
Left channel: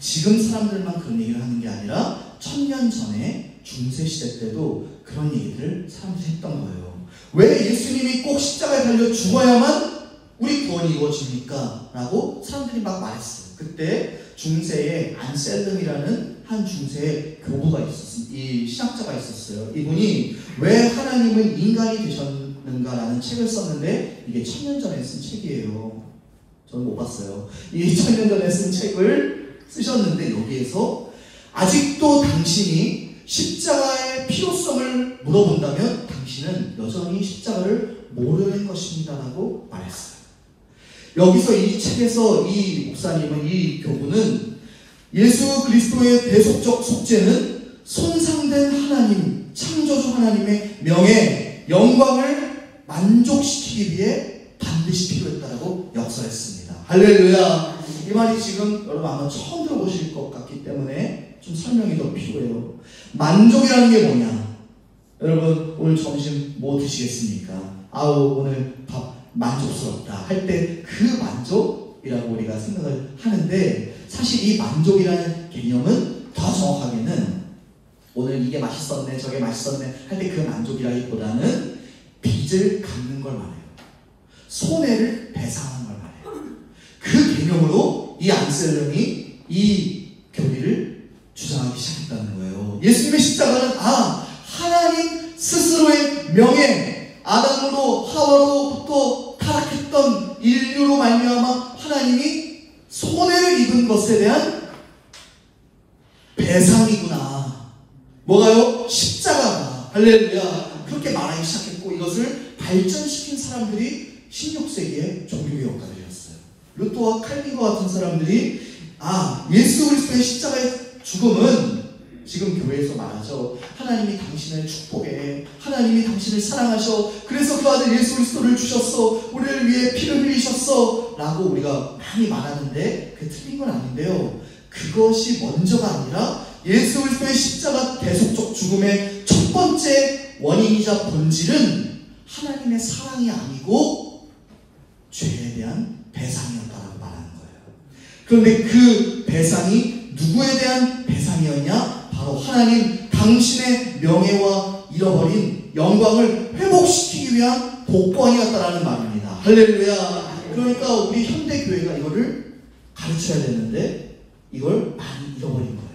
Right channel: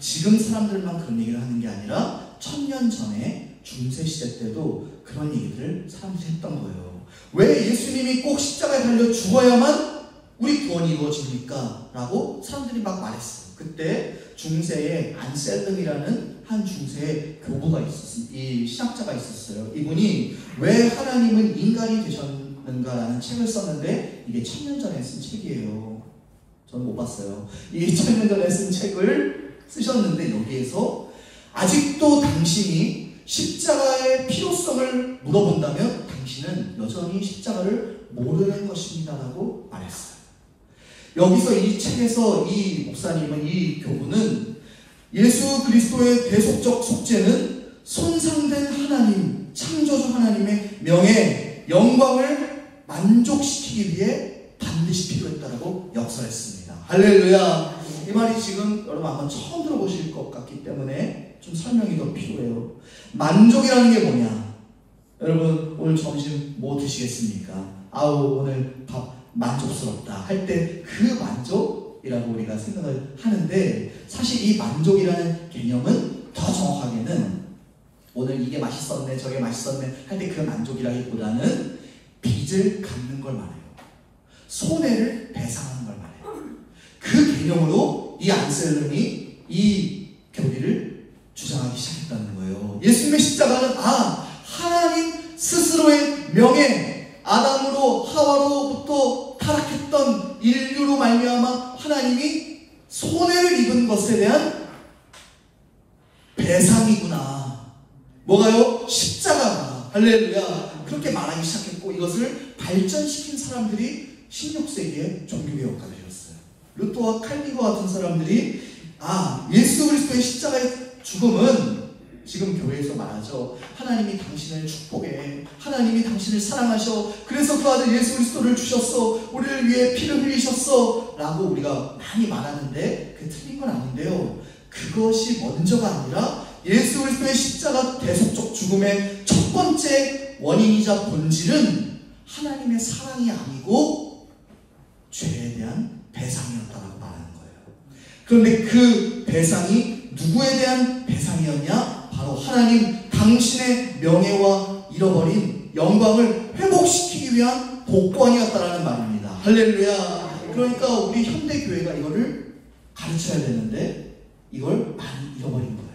지금 사람들만 그런 얘기를 하는 게 아니라 1000년 전에 중세시대 때도 그런 얘기들을 사람들이 했던 거예요. 왜 예수님이 꼭 십자가에 달려 죽어야만 우리 구원이 이루어집니까? 라고 사람들이 막 말했어요. 그때 중세에 안셀름이라는 한 중세의 교부가 있었어요. 이 신학자가 있었어요. 이분이 왜 하나님은 인간이 되셨는가라는 책을 썼는데 이게 1000년 전에 쓴 책이에요. 저는 못 봤어요. 이 1000년 전에 쓴 책을 쓰셨는데 여기에서 아직도 당신이 십자가의 필요성을 물어본다면 당신은 여전히 십자가를 모르는 것입니다 라고 말했어요. 여기서 이 책에서 이 목사님은 이 교부는 예수 그리스도의 대속적 속죄는 손상된 하나님, 창조주 하나님의 명예, 영광을 만족시키기 위해 반드시 필요했다라고 역설했습니다. 할렐루야. 이 말이 지금 여러분 아마 처음 들어보실 것 같기 때문에 좀 설명이 더 필요해요. 만족이라는 게 뭐냐? 여러분 오늘 점심 뭐 드시겠습니까? 아우 오늘 밥 만족스럽다 할 때 그 만족이라고 우리가 생각을 하는데 사실 이 만족이라는 개념은 더 정확하게는 오늘 이게 맛있었네 저게 맛있었네 할 때 그 만족이라기보다는 빚을 갚는 걸 말해요. 손해를 배상하는 걸 말해요. 그 개념으로 이 안셀름이 이 교리를 주장하기 시작했다는 거예요. 예수님의 십자가는 하나님 스스로의 명예 아담으로 하와로부터 타락 손해를 입은 것에 대한 배상이구나. 뭐가요? 십자가가. 할렐루야. 그렇게 말하기 시작했고, 이것을 발전시킨 사람들이 16세기의 종교개혁가들이었어요. 루터와 칼빈과 같은 사람들이 예수 그리스도의 십자가의 죽음은 지금 교회에서 말하죠. 하나님이 당신을 축복해, 하나님이 당신을 사랑하셔, 그래서 그 아들 예수 그리스도를 주셨어, 우리를 위해 피를 흘리셨어 라고 우리가 많이 말하는데 그게 틀린 건 아닌데요. 그것이 먼저가 아니라 예수 그리스도의 십자가 대속적 죽음의 첫 번째 원인이자 본질은 하나님의 사랑이 아니고 죄에 대한 배상이었다고 말하는 거예요. 그런데 그 배상이 누구에 대한 배상이었냐? 바로 하나님 당신의 명예와 잃어버린 영광을 회복시키기 위한 복권이었다라는 말입니다. 할렐루야. 그러니까 우리 현대교회가 이거를 가르쳐야 되는데 이걸 많이 잃어버린 거예요.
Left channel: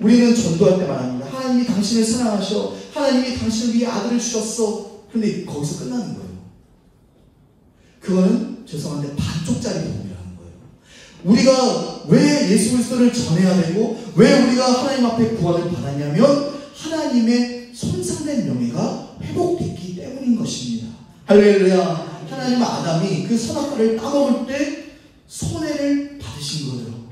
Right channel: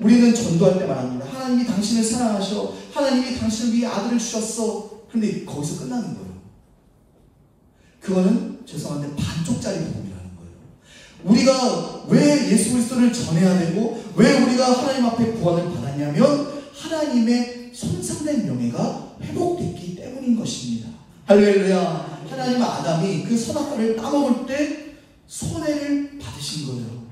우리는 전도할 때 말합니다. 하나님이 당신을 사랑하셔, 하나님이 당신을 위해 아들을 주셨어. 그런데 거기서 끝나는 거예요. 그거는 죄송한데 반쪽짜리 복음이라는 거예요. 우리가 왜 예수 그리스도를 전해야 되고 왜 우리가 하나님 앞에 구원을 받았냐면 하나님의 손상된 명예가 회복됐기 때문인 것입니다. 할렐루야. 하나님은 아담이 그 선악과를 따먹을 때 손해를 받으신 거예요.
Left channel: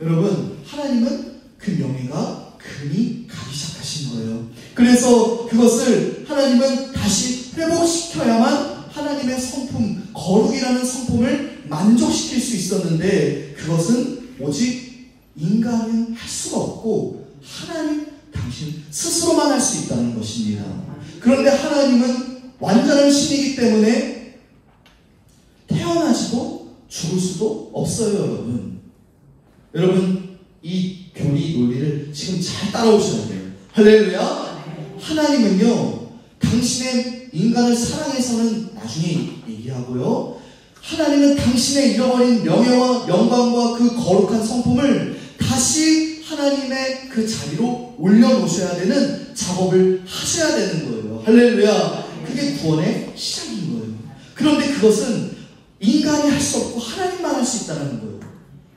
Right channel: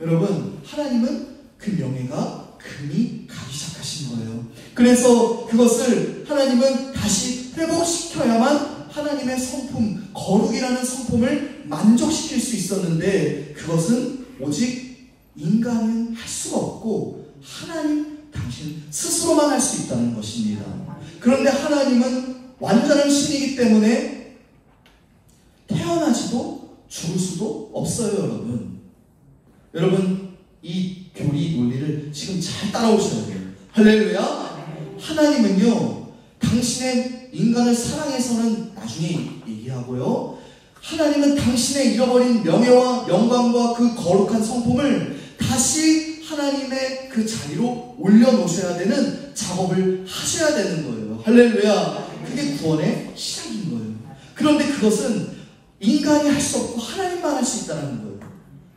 여러분, 하나님은 그 명예가 금이 가기 시작하신 거예요. 그래서 그것을 하나님은 다시 회복시켜야만 하나님의 성품, 거룩이라는 성품을 만족시킬 수 있었는데 그것은 오직 인간은 할 수가 없고 하나님 당신 스스로만 할 수 있다는 것입니다. 그런데 하나님은 완전한 신이기 때문에 태어나지도 죽을 수도 없어요, 여러분. 여러분, 이 교리 논리를 지금 잘 따라오셔야 돼요. 할렐루야. 하나님은요, 당신의 인간을 사랑해서는 나중에 얘기하고요, 하나님은 당신의 잃어버린 명예와 영광과 그 거룩한 성품을 다시 하나님의 그 자리로 올려놓으셔야 되는 작업을 하셔야 되는 거예요. 할렐루야. 그게 구원의 시작인 거예요. 그런데 그것은 인간이 할 수 없고 하나님만 할 수 있다는 거예요.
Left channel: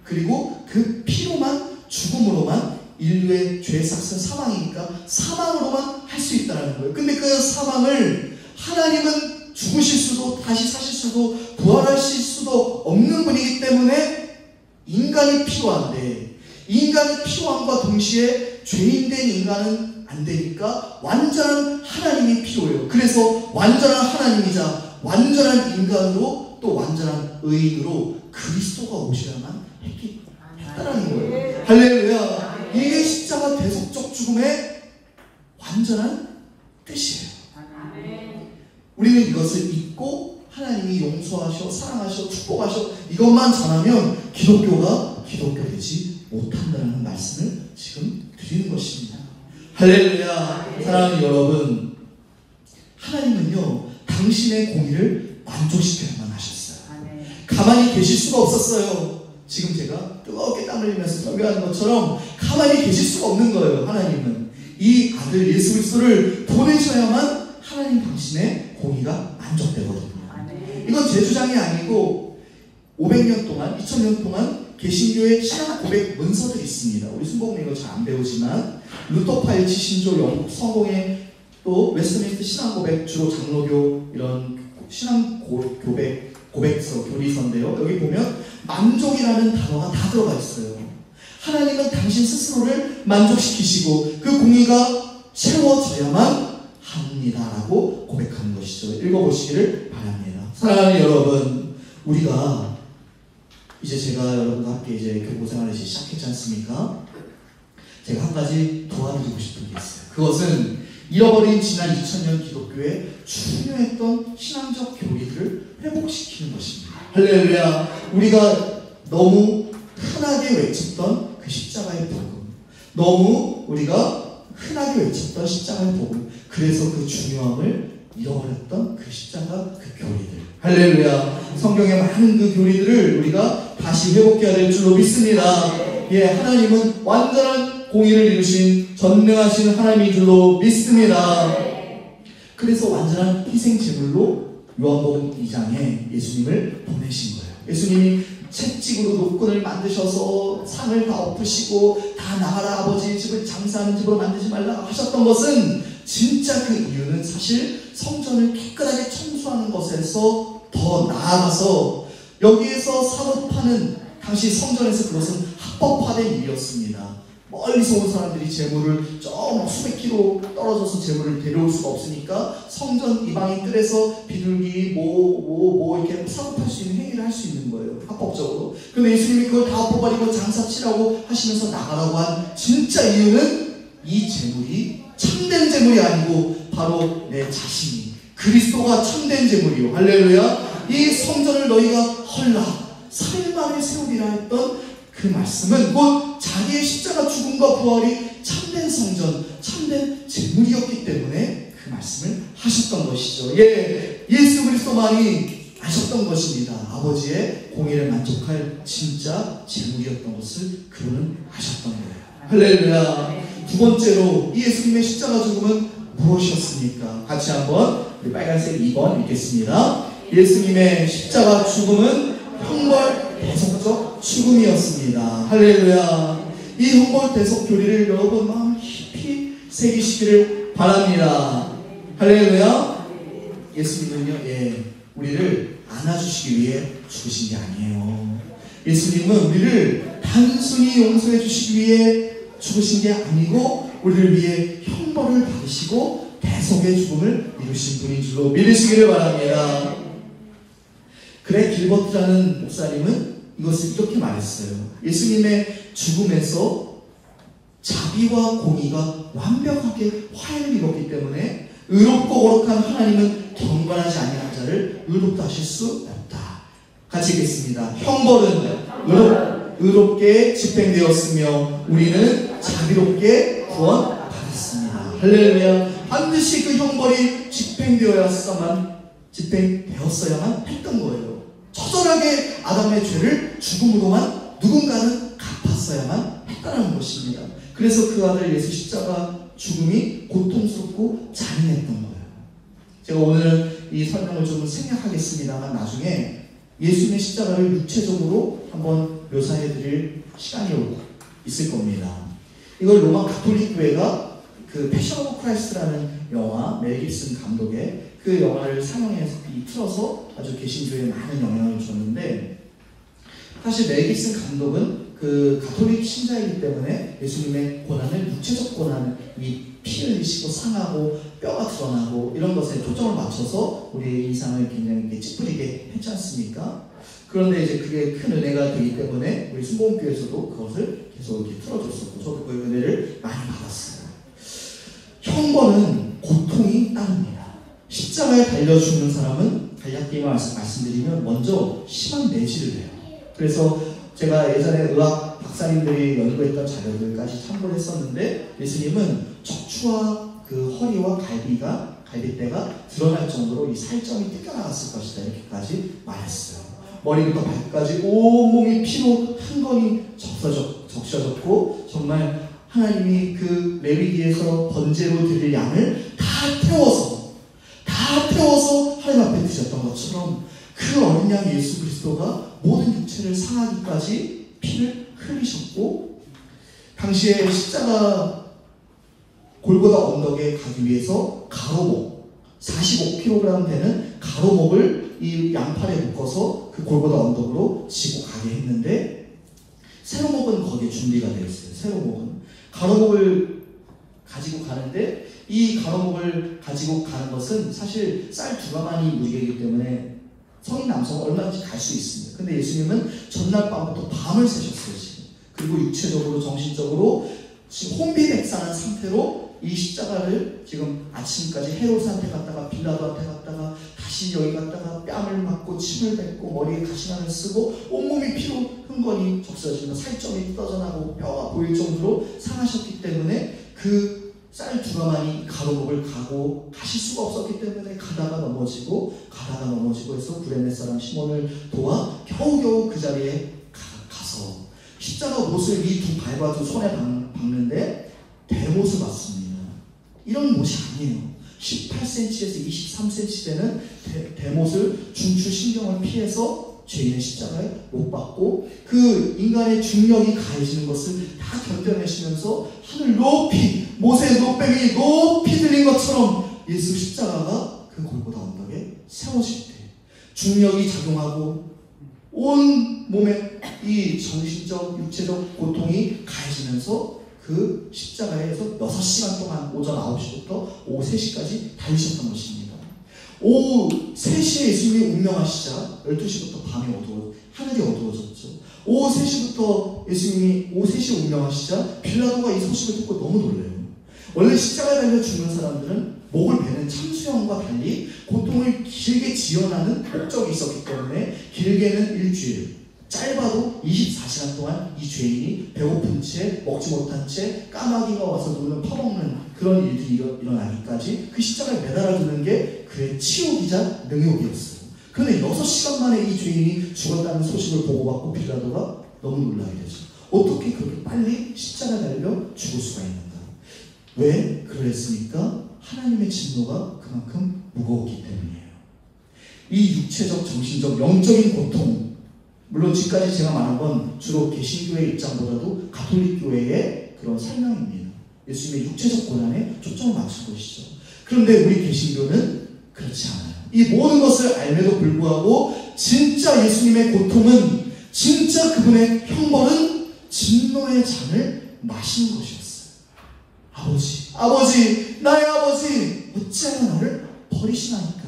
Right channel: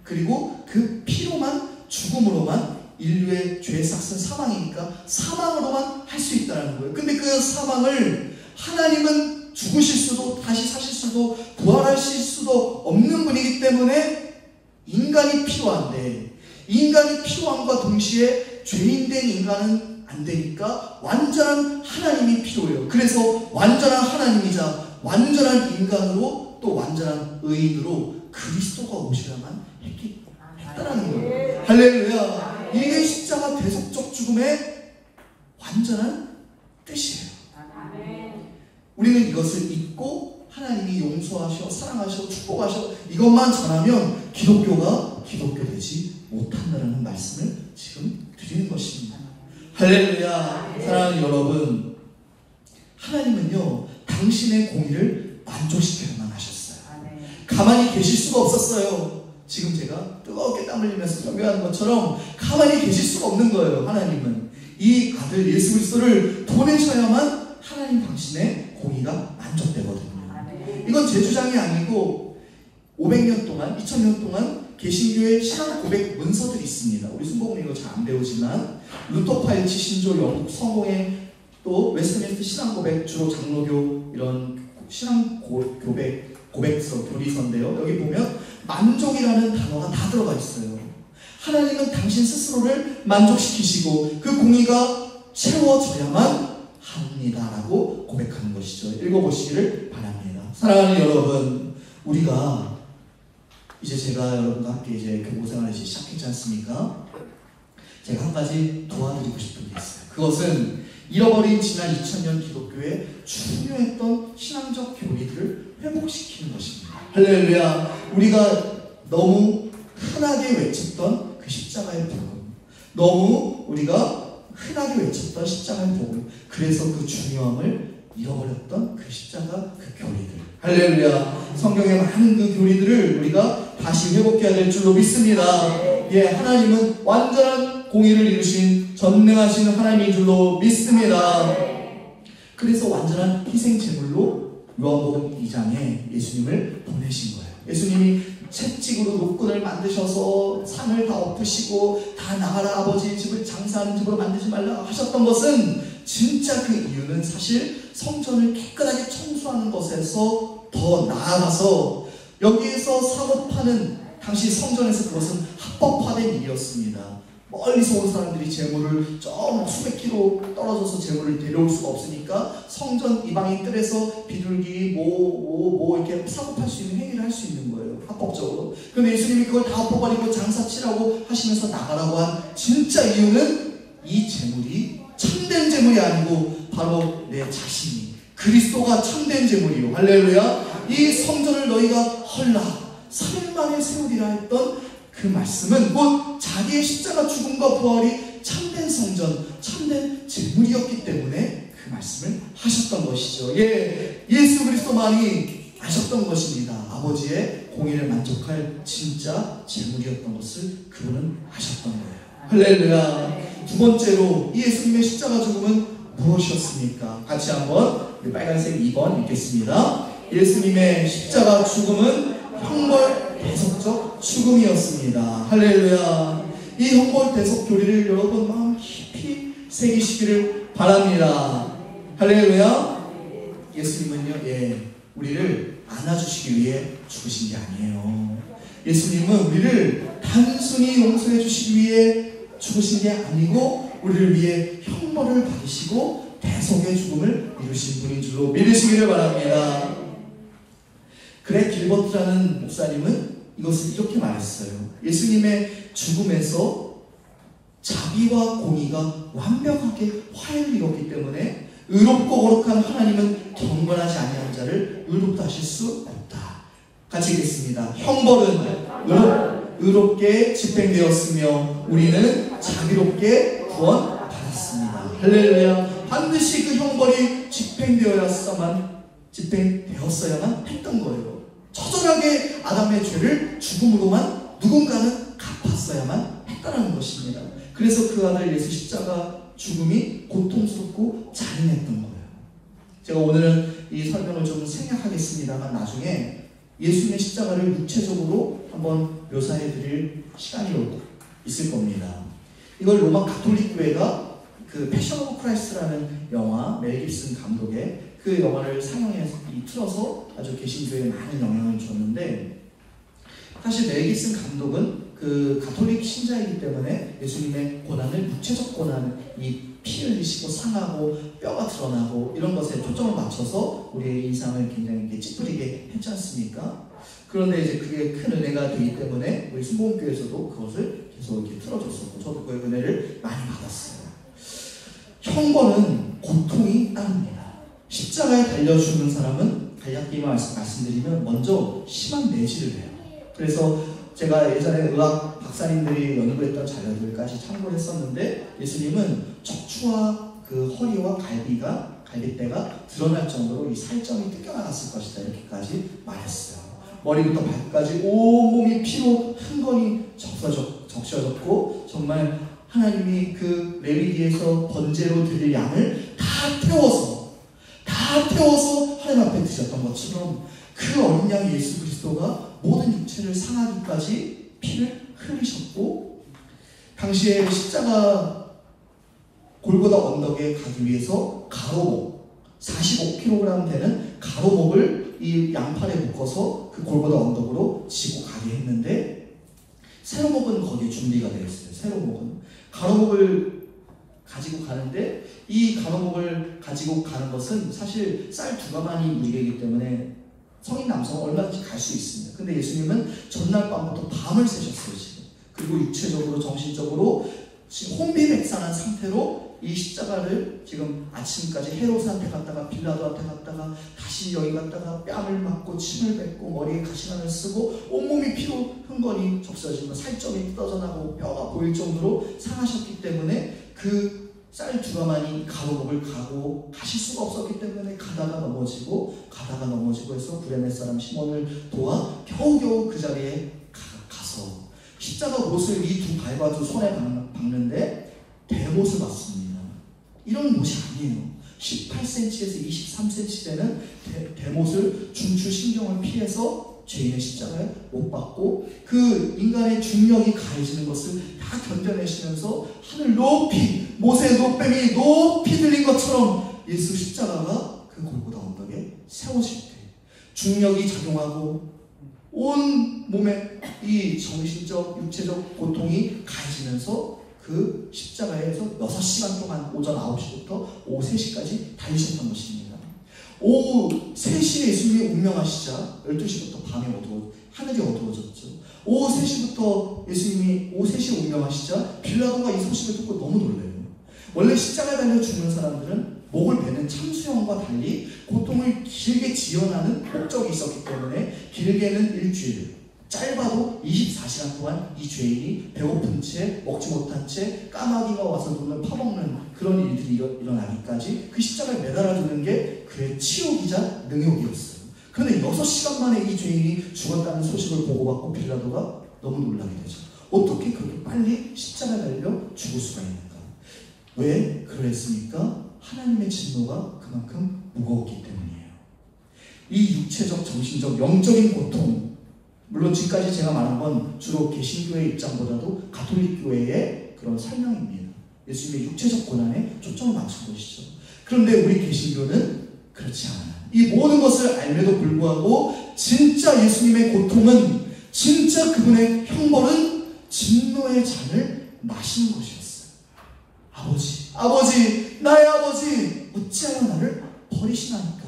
그리고 그 피로만, 죽음으로만, 인류의 죄의 삭은 사망이니까 사망으로만 할 수 있다는 거예요. 근데 그 사망을 하나님은 죽으실 수도 다시 사실 수도 부활하실 수도 없는 분이기 때문에 인간이 필요한데, 인간이 필요함과 동시에 죄인된 인간은 안 되니까 완전한 하나님이 필요해요. 그래서 완전한 하나님이자 완전한 인간으로 또 완전한 의인으로 그리스도가 오셔야만 했다라는 거예요. 할렐루야. 이게 십자가 대속적 죽음의 완전한 뜻이에요. 우리는 이것을 믿고 하나님이 용서하셔, 사랑하셔, 축복하셔 이것만 전하면 기독교가 기독교 되지 못한다는 말씀을 지금 드리는 것입니다. 할렐루야. 사랑하는 여러분, 하나님은요 당신의 공의를 만족시켜야만 하셨어요. 가만히 계실 수가 없었어요. 지금 제가 뜨겁게 땀 흘리면서 설교하는 것처럼 가만히 계실 수가 없는 거예요. 하나님은 이 아들 예수 그리스도를 보내셔야만 하나님 당신의 공의가 만족되거든요. 이건 제 주장이 아니고 500년 동안, 2000년 동안 개신교의 신앙 고백 문서들이 있습니다. 우리 순복음에 이거 잘 안 배우지만 루터 파일치 신조 영국 성공의 또 웨스트민스터 신앙 고백, 주로 장로교 이런 신앙 고백서, 교리서인데요. 여기 보면 만족이라는 단어가 다 들어가 있어요. 하나님은 당신 스스로를 만족시키시고 그 공의가 채워져야만 합니다라고 고백하는 것이죠. 읽어보시기를 바랍니다. 사랑하는 여러분, 우리가 이제 제가 여러분과 함께 이제 교포생활을 이제 시작했지 않습니까? 제가 한 가지 도와드리고 싶은 게 있어요. 그것은 잃어버린 지난 2000년 기독교의 중요했던 신앙적 교리들을 회복시키는 것입니다. 할렐루야. 우리가 너무 흔하게 외쳤던 그 십자가의 복음, 너무 우리가 흔하게 외쳤던 십자가의 복음, 그래서 그 중요함을 잃어버렸던 그 십자가 그 교리들, 할렐루야. 성경의 많은 그 교리들을 우리가 다시 회복해야 될 줄로 믿습니다. 예, 하나님은 완전한 공의를 이루신 전능하신 하나님인 줄로 믿습니다. 그래서 완전한 희생 제물로 요한복음 2장에 예수님을 보내신 거예요. 예수님이 채찍으로 노끈을 만드셔서 상을 다 엎으시고 다 나가라 아버지의 집을 장사하는 집으로 만들지 말라 하셨던 것은 진짜 그 이유는 사실 성전을 깨끗하게 청소하는 것에서 더 나아가서 여기에서 사고 파는 당시 성전에서 그것은 합법화된 일이었습니다. 멀리서 온 사람들이 재물을 저 수백 킬로 떨어져서 재물을 데려올 수가 없으니까 성전 이방인 뜰에서 비둘기 이렇게 사고 팔 수 있는 행위를 할 수 있는 거예요. 합법적으로. 그런데 예수님이 그걸 다 엎어버리고 장사치라고 하시면서 나가라고 한 진짜 이유는 이 재물이 참된 재물이 아니고 바로 내 자신이 그리스도가 참된 재물이요. 할렐루야. 이 성전을 너희가 헐라 3일 만에 세우리라 했던 그 말씀은 곧 자기의 십자가 죽음과 부활이 참된 성전, 참된 재물이었기 때문에 그 말씀을 하셨던 것이죠. 예수 그리스도만이 아셨던 것입니다. 아버지의 공의를 만족할 진짜 재물이었던 것을 그분은 아셨던 거예요. 할렐루야. 두 번째로 이 예수님의 십자가 죽음은 무엇이었습니까? 같이 한번 빨간색 2번 읽겠습니다. 예수님의 십자가 죽음은 형벌 대속적 죽음이었습니다. 할렐루야. 이 형벌 대속 교리를 여러분 마음 깊이 새기시기를 바랍니다. 할렐루야. 예수님은요, 우리를 안아주시기 위해 죽으신 게 아니에요. 예수님은 우리를 단순히 용서해 주시기 위해 죽으신 게 아니고 우리를 위해 형벌을 받으시고 대속의 죽음을 이루신 분인 줄로 믿으시기를 바랍니다. 그레 길버트라는 목사님은 이것을 이렇게 말했어요. 예수님의 죽음에서 자비와 공의가 완벽하게 화해를 이뤘기 때문에 의롭고 거룩한 하나님은 경건하지 아니한 자를 의롭다 하실 수 없다. 같이 읽겠습니다. 형벌은 의롭게 집행되었으며 우리는 자비롭게 구원받았습니다. 할렐루야. 반드시 그 형벌이 집행되었어야만 했던 거예요. 처절하게 아담의 죄를 죽음으로만 누군가는 갚았어야만 했다는 것입니다. 그래서 그 아들 예수 십자가 죽음이 고통스럽고 잔인했던 거예요. 제가 오늘은 이 설명을 좀 생략하겠습니다만 나중에 예수님의 십자가를 육체적으로 한번 묘사해 드릴 시간이 있을 겁니다. 이걸 로마 가톨릭 교회가 그 패션 오브 크라이스트라는 영화, 멜 깁슨 감독의 그 영화를 상영해서 틀어서 아주 개신교에 많은 영향을 줬는데, 사실 멜 깁슨 감독은 그 가톨릭 신자이기 때문에 예수님의 고난을, 육체적 고난, 이 피 흘리시고 상하고 뼈가 드러나고 이런 것에 초점을 맞춰서 우리의 인상을 굉장히 이렇게 찌푸리게 했지 않습니까? 그런데 이제 그게 큰 은혜가 되기 때문에 우리 순복음교회에서도 그것을 계속 이렇게 틀어줬었고, 저도 그 은혜를 많이 받았어요. 형벌은 고통이 따릅니다. 십자가에 달려 죽는 사람은 간략히 말씀드리면 먼저 심한 내질을 해요. 그래서 제가 예전에 의학 박사님들이 연구했던 자료들까지 참고를 했었는데, 예수님은 척추와 그 허리와 갈비뼈가 드러날 정도로 이 살점이 뜯겨나갔을 것이다, 이렇게까지 말했어요. 머리부터 발까지 온몸이 피로 흥건히 적셔졌고, 정말 하나님이 그 레위기에서 번제로 드릴 양을 다 태워서 하나님 앞에 드셨던 것처럼 그 어린 양 예수 그리스도가 모든 육체를 상하기까지 피를 흘리셨고, 당시에 십자가 골고다 언덕에 가기 위해서 가로목 45kg 되는 가로목을 이 양팔에 묶어서 그 골고다 언덕으로 지고 가게 했는데, 세로목은 거기에 준비가 되어 있어요. 세로목은 가로목을 가지고 가는데, 이 가로목을 가지고 가는 것은 사실 쌀 2가마니 무게이기 때문에 성인 남성은 얼마든지 갈 수 있습니다. 근데 예수님은 전날 밤부터 밤을 새셨어요, 지금. 그리고 육체적으로, 정신적으로 지금 혼비백산한 상태로 이 십자가를 지금 아침까지 헤롯한테 갔다가 빌라도한테 갔다가 다시 여기 갔다가 뺨을 맞고 침을 뱉고 머리에 가시관을 쓰고 온몸이 피로 흥건히 적셔지고 살점이 뜯어져 나고 뼈가 보일 정도로 상하셨기 때문에 그 쌀 2가마니 가로목을 가고 가실 수가 없었기 때문에 가다가 넘어지고 해서 구레네 사람 시몬을 도와 겨우겨우 그 자리에 가서 십자가 못을 이 두 발과 두 손에 박는데 대못을 맞습니다. 이런 못이 아니에요. 18cm에서 23cm 되는 대못을 중추신경을 피해서 죄인의 십자가에 못 박고 그 인간의 중력이 가해지는 것을 다 견뎌내시면서 하늘 높이 모세의 노뱀이 높이 들린 것처럼 예수 십자가가 그 골고다 언덕에 세워질 때 중력이 작용하고 온 몸에 이 정신적 육체적 고통이 가해지면서 그 십자가에서 6시간 동안 오전 9시부터 오후 3시까지 달리셨던 것입니다. 오후 3시에 예수님이 운명하시자 12시부터 밤이 하늘이 어두워졌죠. 오후 3시부터 예수님이 오후 3시에 운명하시자 빌라도가 이 소식을 듣고 너무 놀래요. 원래 십자가에 달려 죽는 사람들은 목을 베는 참수형과 달리 고통을 길게 지연하는 목적이 있었기 때문에 길게는 일주일, 짧아도 24시간 동안 이 죄인이 배고픈 채 먹지 못한 채 까마귀가 와서 눈을 파먹는 그런 일들이 일어나기까지 그 십자가에 매달아두는 게 그의 치욕이자 능욕이었어요. 그런데 6시간 만에 이 죄인이 죽었다는 소식을 보고받고 빌라도가 너무 놀라게 되죠. 어떻게 그렇게 빨리 십자가에 달려 죽을 수가 있는가? 왜 그랬습니까? 하나님의 진노가 그만큼 무거웠기 때문이에요. 이 육체적, 정신적, 영적인 고통, 물론 지금까지 제가 말한 건 주로 개신교의 입장보다도 가톨릭 교회의 그런 설명입니다. 예수님의 육체적 고난에 초점을 맞춘 것이죠. 그런데 우리 개신교는 그렇지 않아요. 이 모든 것을 알매도 불구하고 진짜 예수님의 고통은, 진짜 그분의 형벌은 진노의 잔을 마신 것이었어요. 아버지, 나의 아버지, 어찌하여 나를 버리시나이까?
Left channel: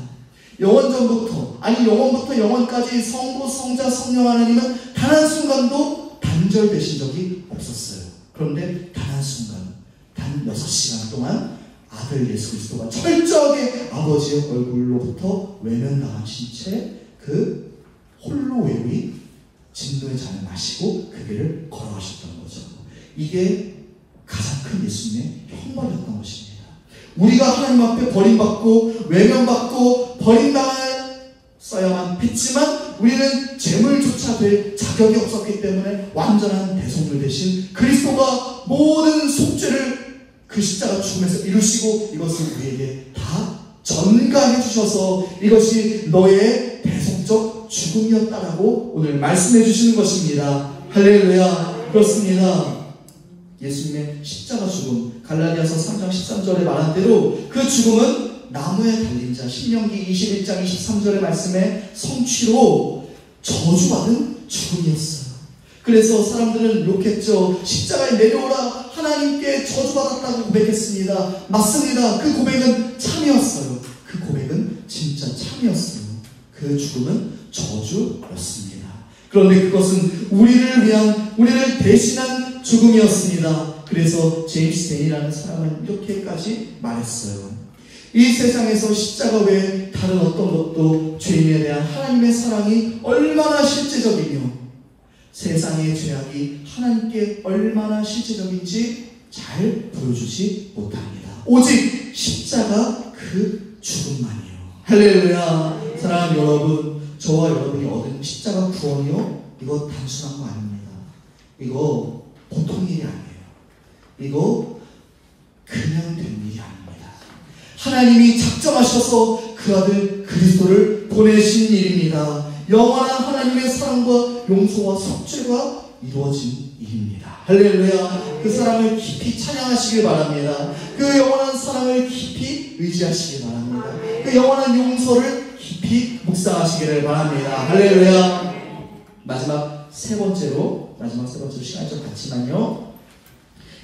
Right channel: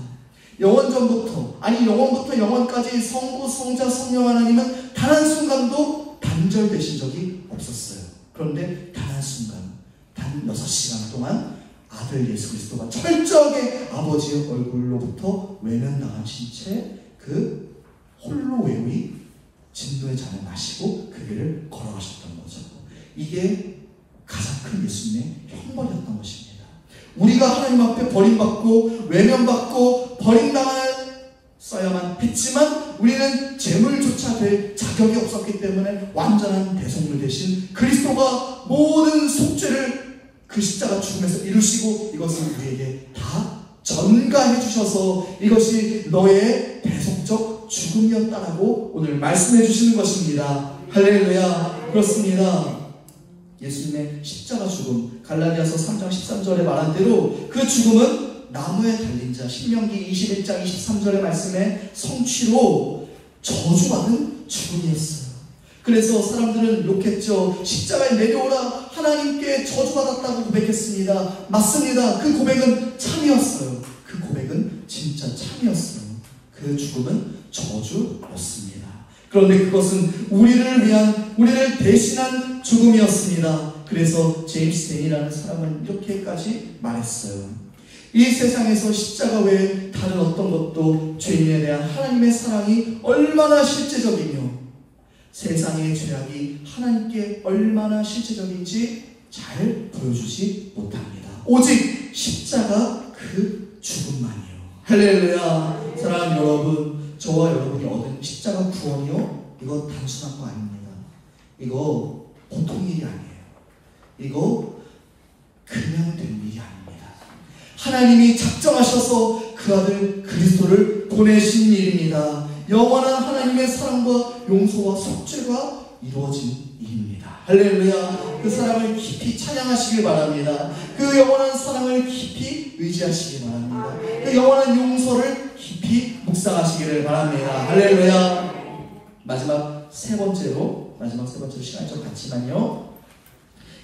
영원부터 영원까지 성부, 성자, 성령 하나님은 단 한순간도 단절되신 적이 없었어요. 그런데 단 한순간, 단 6시간 동안 아들 예수 그리스도가 철저하게 아버지의 얼굴로부터 외면당하신 채 그 홀로 외우이 진노의 잔을 마시고 그 길을 걸어가셨던 거죠. 이게 가장 큰 예수님의 형벌이었던 것입니다. 우리가 하나님 앞에 버림받고 외면받고 버림당했어야만 했지만 우리는 제물조차 될 자격이 없었기 때문에 완전한 대속물 대신 그리스도가 모든 속죄를 그 십자가 죽음에서 이루시고 이것을 우리에게 다 전가해 주셔서 이것이 너의 대속적 죽음이었다라고 오늘 말씀해 주시는 것입니다. 할렐루야. 그렇습니다. 예수님의 십자가 죽음, 갈라디아서 3장 13절에 말한 대로 그 죽음은 나무에 달린 자, 신명기 21장 23절의 말씀에 성취로 저주받은 죽음이었어요. 그래서 사람들은 욕했죠. 십자가에 내려오라, 하나님께 저주받았다고 고백했습니다. 맞습니다. 그 고백은 참이었어요. 그 고백은 진짜 참이었어요. 그 죽음은 저주였습니다. 그런데 그것은 우리를 대신한 죽음이었습니다. 그래서 제임스 데니라는 사람은 이렇게까지 말했어요. 이 세상에서 십자가 외에 다른 어떤 것도 죄인에 대한 하나님의 사랑이 얼마나 실제적이며 세상의 죄악이 하나님께 얼마나 실제적인지 잘 보여주지 못합니다. 오직 십자가 그 죽음만이요. 할렐루야. 사랑하는 여러분, 저와 여러분이 얻은 십자가 구원이요, 이거 단순한 거 아닙니다. 이거 보통 일이 아니에요. 이거 그냥 된 일이 아닙니다. 하나님이 작정하셔서 그 아들 그리스도를 보내신 일입니다. 영원한 하나님의 사랑과 용서와 속죄가 이루어진 일입니다. 할렐루야. 그 사랑을 깊이 찬양하시길 바랍니다. 그 영원한 사랑을 깊이 의지하시길 바랍니다. 그 영원한 용서를 깊이 묵상하시기를 바랍니다. 할렐루야. 마지막 세 번째로 시간이 좀 갔지만요,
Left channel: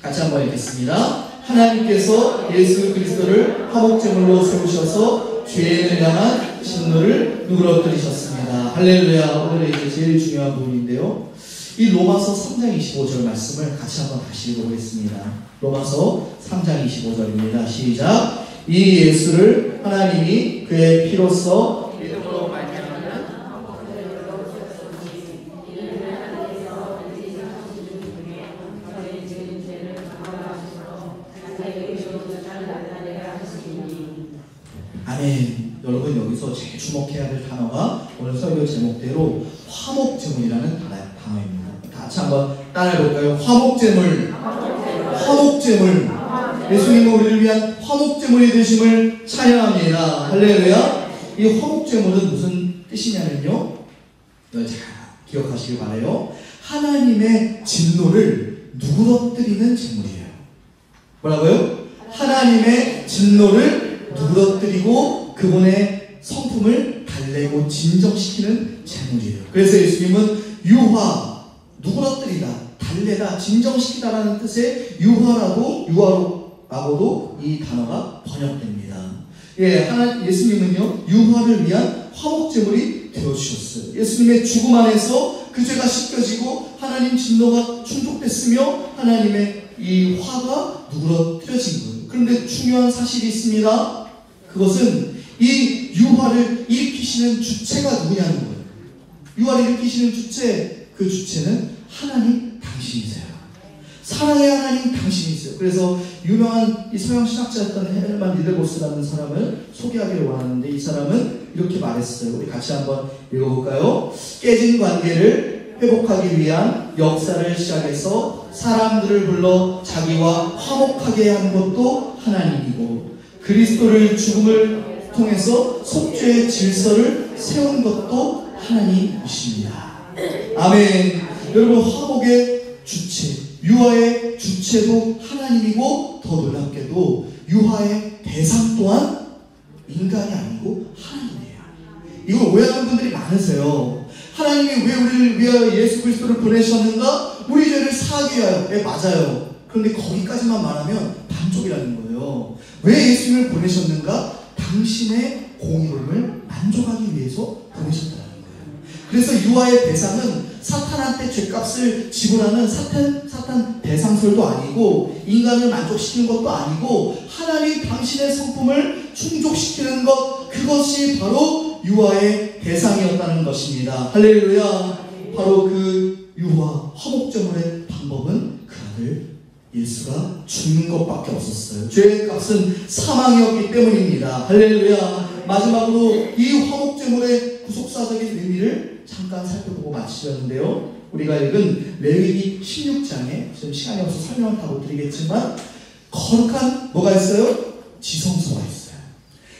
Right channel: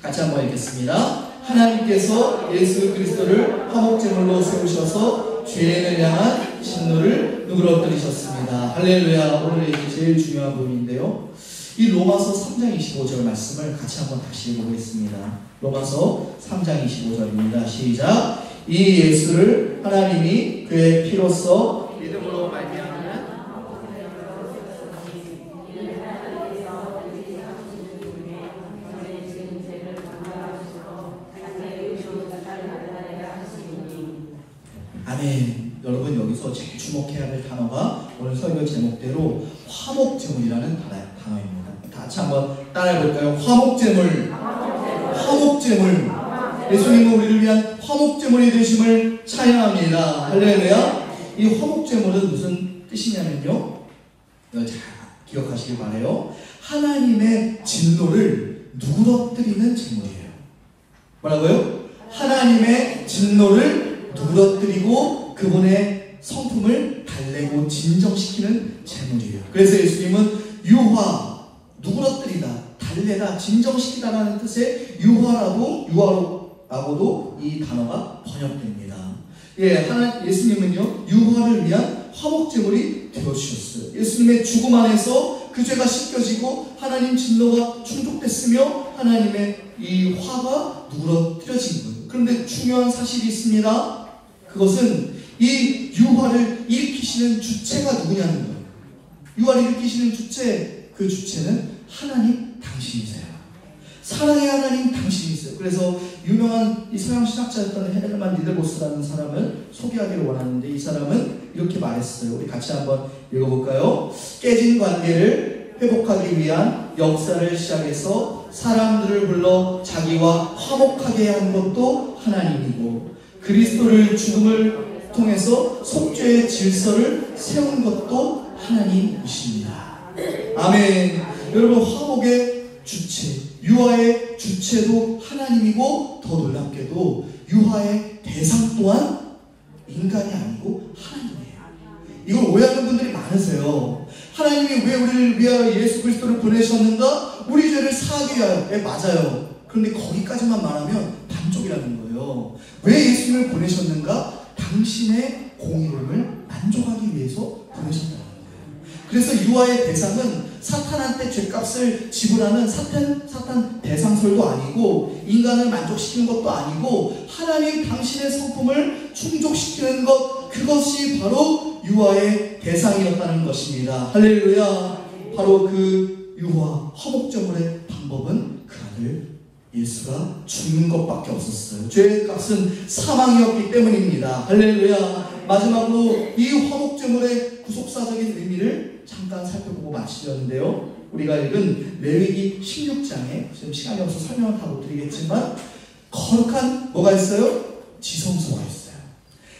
같이 한번 읽겠습니다. 하나님께서 예수 그리스도를 화목제물로 세우셔서 죄인을 향한 진노를 누그러뜨리셨습니다. 할렐루야. 오늘 이제 제일 중요한 부분인데요, 이 로마서 3장 25절 말씀을 같이 한번 다시 읽어보겠습니다. 로마서 3장 25절입니다. 시작. 이 예수를 하나님이 그의 피로써 믿음으로 말미암는 아멘. 여러분, 여기서 제일 주목해야 될 단어가 오늘 설교 제목대로 화목제물이라는 단어입니다. 같이 한번 따라해볼까요? 화목제물. 예수님은 우리를 위한 화목제물이 되심을 찬양합니다. 할렐루야. 이 화목제물은 무슨 뜻이냐면요, 이거 잘 기억하시길 바라요. 하나님의 진노를 누그러뜨리는 제물이에요. 뭐라고요? 하나님의 진노를 누그러뜨리고 그분의 성품을 달래고 진정시키는 제물이에요. 그래서 예수님은 유화, 누그러뜨리다, 달래다, 진정시키다라는 뜻의 유화라고도 이 단어가 번역됩니다. 예수님은요, 유화를 위한 화목제물이 되어주셨어요. 예수님의 죽음 안에서 그 죄가 씻겨지고 하나님 진노가 충족됐으며 하나님의 이 화가 누그러뜨려진 거예요. 그런데 중요한 사실이 있습니다. 그것은 이 유화를 일으키시는 주체가 누구냐는 거예요. 유화를 일으키시는 주체, 그 주체는 하나님 당신이세요. 사랑의 하나님 당신이세요. 그래서 유명한 이 서양 신학자였던 헤르만 니들보스라는 사람을 소개하기를 원하는데, 이 사람은 이렇게 말했어요. 우리 같이 한번 읽어볼까요? 깨진 관계를 회복하기 위한 역사를 시작해서 사람들을 불러 자기와 화목하게 한 것도 하나님이고, 그리스도를 죽음을 통해서 속죄의 질서를 세운 것도 하나님이십니다. 아멘. 여러분, 화목의 주체, 유화의 주체도 하나님이고, 더 놀랍게도 유화의 대상 또한 인간이 아니고 하나님이에요. 이걸 오해하는 분들이 많으세요. 하나님이 왜 우리를 위하여 예수 그리스도를 보내셨는가? 우리 죄를 사하기 위하여. 맞아요. 그런데 거기까지만 말하면 반쪽이라는 거예요. 왜 예수님을 보내셨는가? 당신의 공의로움을 만족하기 위해서 보내셨다는 거예요. 그래서 유화의 대상은 사탄한테 죄값을 지불하는 사탄 대상설도 아니고, 인간을 만족시키는 것도 아니고, 하나님 당신의 성품을 충족시키는 것, 그것이 바로 유화의 대상이었다는 것입니다. 할렐루야. 바로 그 유화, 화목제물의 방법은 그 아들 예수가 죽는 것밖에 없었어요. 죄의 값은 사망이었기 때문입니다. 할렐루야. 마지막으로 이 화목제물의 구속사적인 의미를 잠깐 살펴보고 마치려는데요. 우리가 읽은 레위기 16장에, 지금 시간이 없어서 설명을 다 못 드리겠지만, 거룩한 뭐가 있어요? 지성소가 있어요.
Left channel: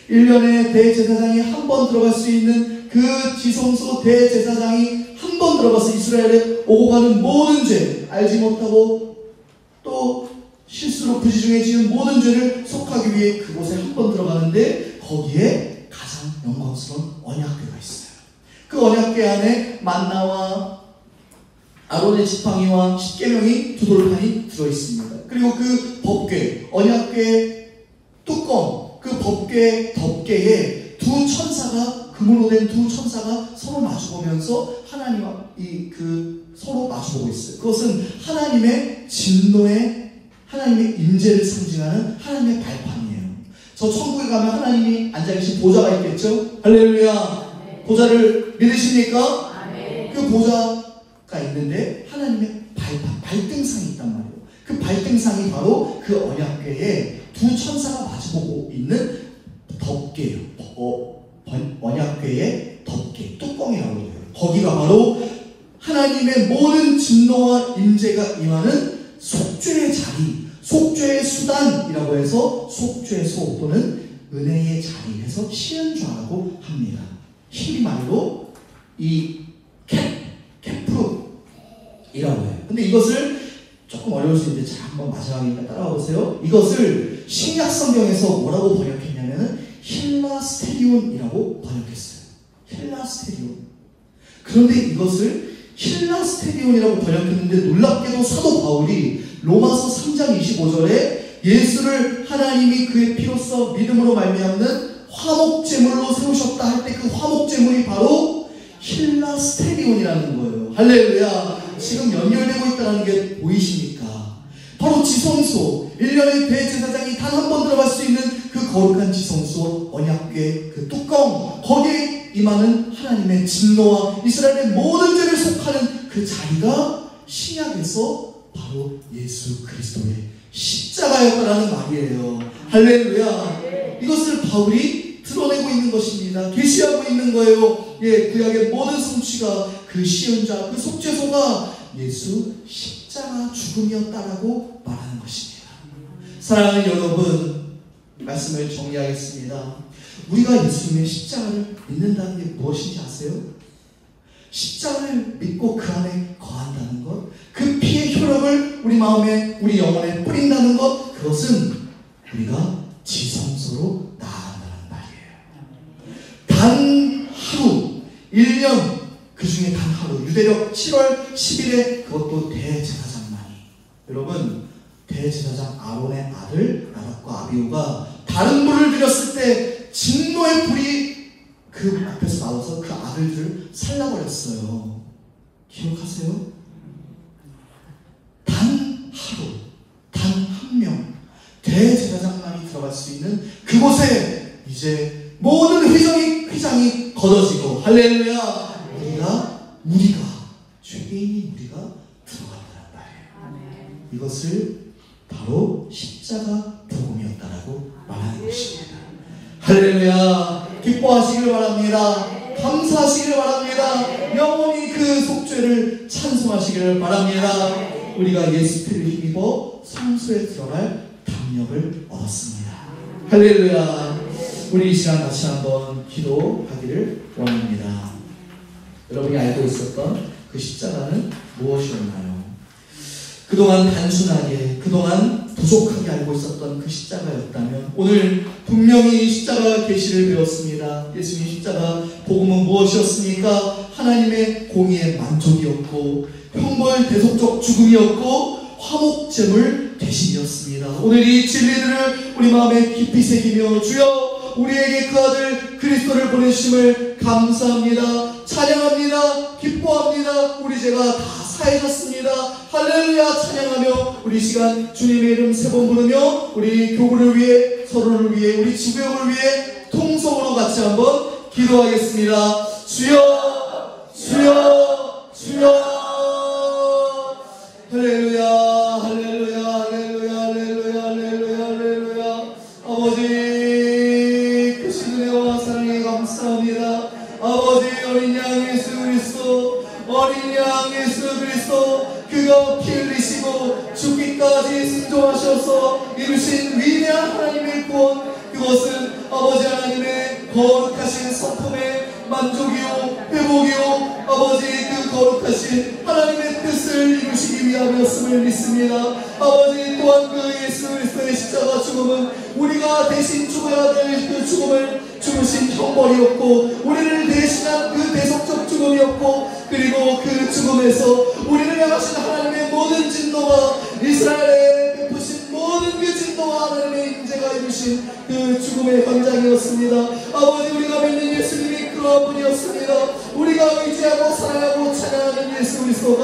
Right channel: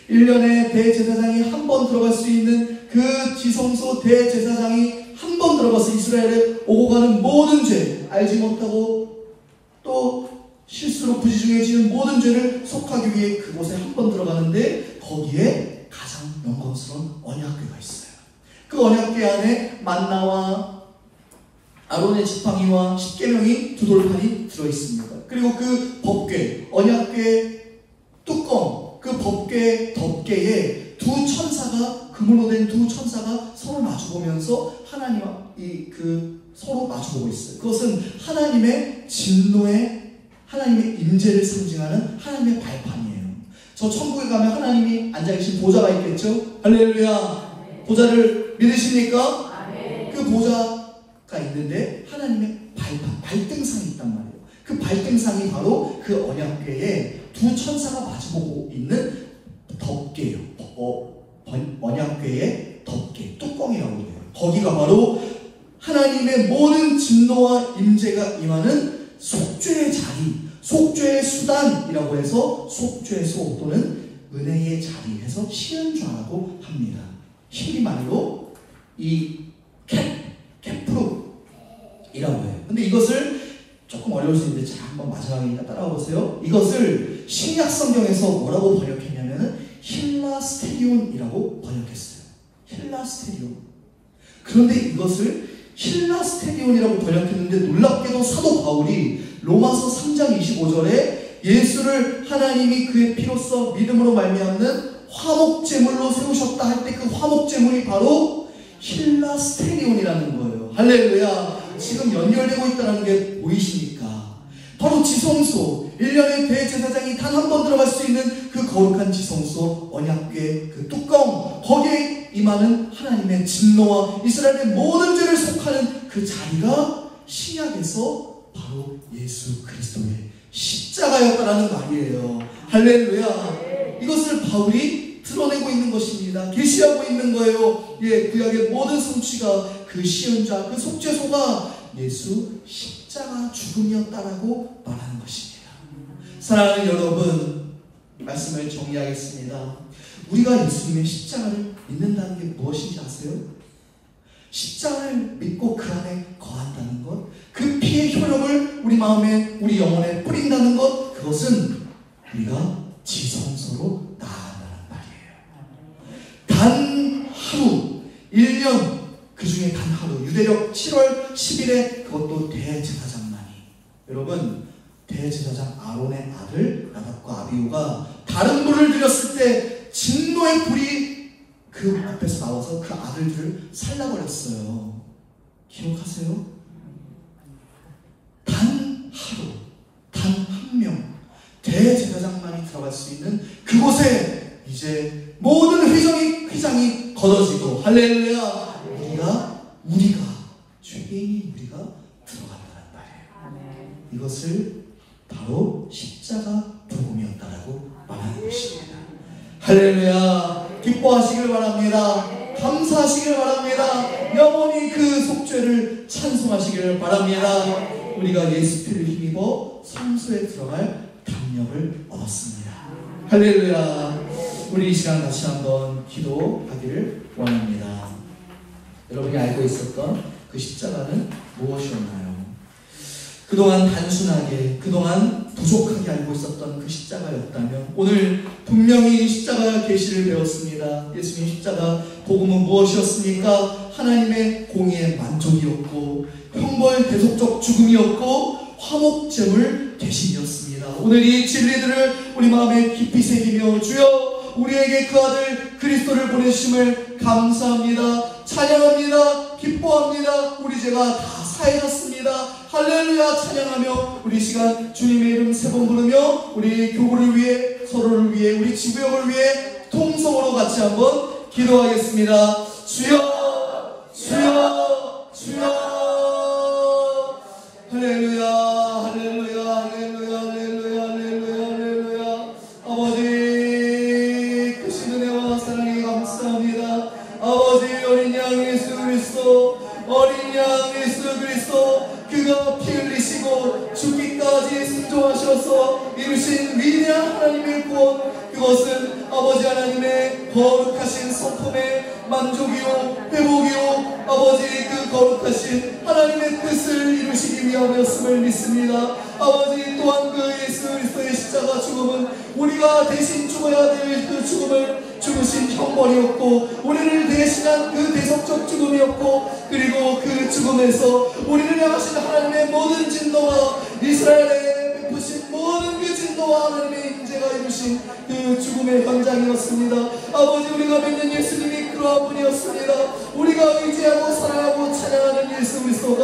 1년에 대제사장이 한 번 들어갈 수 있는 그 지성소, 대제사장이 한 번 들어가서 이스라엘에 오고 가는 모든 죄, 알지 못하고 또 실수로 부지중에 지은 모든 죄를 속하기 위해 그곳에 한 번 들어가는데, 거기에 가장 영광스러운 언약궤가 있어요. 그 언약궤 안에 만나와 아론의 지팡이와 십계명이 두 돌판이 들어있습니다. 그리고 그 법궤, 언약궤 뚜껑, 그 법궤 덮개에 두 천사가, 금으로 된 두 천사가 서로 마주보면서 하나님과 서로 마주보고 있어요. 그것은 하나님의 진노의, 하나님의 임재를 상징하는 하나님의 발판이에요. 저 천국에 가면 하나님이 앉아계신 보좌가 있겠죠? 할렐루야. 보좌를 믿으십니까? 그 보좌가 있는데 하나님의 발판, 발등상이 있단 말이에요. 그 발등상이 바로 그 언약궤에 두 천사가 마주보고 있는 덮개예요. 언약궤의 덮개, 뚜껑이라고 해요. 거기가 바로 하나님의 모든 진노와 임재가 임하는 속죄의 자리, 속죄의 수단이라고 해서 속죄소 또는 은혜의 자리에서 시은좌라고 합니다. 히브리말로 이 케프룹이라고 해요. 근데 이것을 조금 어려울 수 있는데 잘 한번 마지막에 따라와 보세요. 이것을 신약 성경에서 뭐라고 번역했냐면 힐라스테리온이라고 번역했어요. 힐라스테리온. 그런데 이것을 힐라스테리온이라고 번역했는데, 놀랍게도 사도 바울이 로마서 3장 25절에 예수를 하나님이 그의 피로써 믿음으로 말미암는 화목제물로 세우셨다 할 때 그 화목제물이 바로 힐라스테리온이라는 거예요. 할렐루야. 지금 연결되고 있다는 게 보이십니까? 바로 지성소, 1년에 대제사장이 단 한 번 들어갈 수 있는 그 거룩한 지성소, 언약궤 그 뚜껑, 거기에 임하는 하나님의 진노와 이스라엘의 모든 죄를 속하는 그 자리가 신약에서 바로 예수 그리스도의 십자가였다라는 말이에요. 할렐루야. 이것을 바울이 드러내고 있는 것입니다. 계시하고 있는 거예요. 구약의 모든 성취가, 그 시은자, 그 속죄소가 예수 십자가 죽음이었다라고 말하는 것입니다. 사랑하는 여러분, 말씀을 정리하겠습니다. 우리가 예수님의 십자가를 믿는다는 게 무엇인지 아세요? 십자가를 믿고 그 안에 거한다는 것, 그 피의 효력을 우리 마음에, 우리 영혼에 뿌린다는 것, 그것은 우리가 지성소로 나아간다는 말이에요. 단 하루, 1년, 그 중에 단 하루, 유대력 7월 10일에 그것도 대제사장만이, 여러분, 대제사장 아론의 아들 나답과 아비후가 다른 불을 드렸을 때 진노의 불이 그 앞에서 나와서 그 아들들을 살라버렸어요. 기억하세요? 단 하루, 단 한 명, 대제사장만이 들어갈 수 있는 그곳에 이제 모든 휘장이 걷어지고, 할렐루야, 우리가 죄인인 우리가 들어간다는 말이에요. 이것을 바로 십자가 복음이었다라고 말하는 것입니다. 할렐루야, 기뻐하시길 바랍니다. 감사하시길 바랍니다. 영원히 그 속죄를 찬송하시기를 바랍니다. 우리가 예수 피를 힘입어 성소에 들어갈 담력을 얻었습니다. 할렐루야. 우리 이 시간 같이 한번 기도하기를 원합니다. 여러분이 알고 있었던 그 십자가는 무엇이었나요? 그동안 단순하게, 그동안 부족하게 알고 있었던 그 십자가였다면 오늘 분명히 십자가 계시를 배웠습니다. 예수님 십자가 복음은 무엇이었습니까? 하나님의 공의의 만족이었고, 형벌 대속적 죽음이었고, 화목제물 대신이었습니다. 오늘 이 진리들을 우리 마음에 깊이 새기며, 주여 우리에게 그 아들 그리스도를 보내주심을 감사합니다. 찬양합니다. 기뻐합니다. 우리 죄가 다 사해졌습니다. 할렐루야 찬양하며 우리 시간 주님의 이름 세 번 부르며 우리 교구를 위해, 서로를 위해, 우리 지구역을 위해 통성으로 같이 한번 기도하겠습니다. 주여, 주여, 주여. 할렐루야, 할렐루야, 할렐루야, 할렐루야, 할렐루야, 할렐루야. 아버지 크신 은혜와 사랑에 감사합니다. 아버지 어린 양 예수 그리스도, 어린 양 예수 그리스도, 그가 피 흘리시고 죽기까지 순종하셔서 이루신 위대한 하나님의 구원, 그것은 아버지 하나님의 거룩하신 성품의 만족이요 회복이요 아버지 그 거룩하신 하나님의 뜻을 이루시기 위함이었음을 믿습니다. 아버지 또한 그 예수 그리스도의 십자가 죽음은 우리가 대신 죽어야 될 그 죽음을 죽으신 형벌이었고, 우리를 대신한 그 대속적 죽음이었고, 그리고 그 죽음에서 우리를 향하신 하나님의 모든 진노와 이스라엘에 베푸신 모든 그 진노와 하나님의 인재가 이루신 그 죽음의 현장이었습니다. 아버지 우리가 믿는 예수님이 그러한 분이었습니다. 우리가 의지하고 사랑하고 찬양하는 예수 그리스도가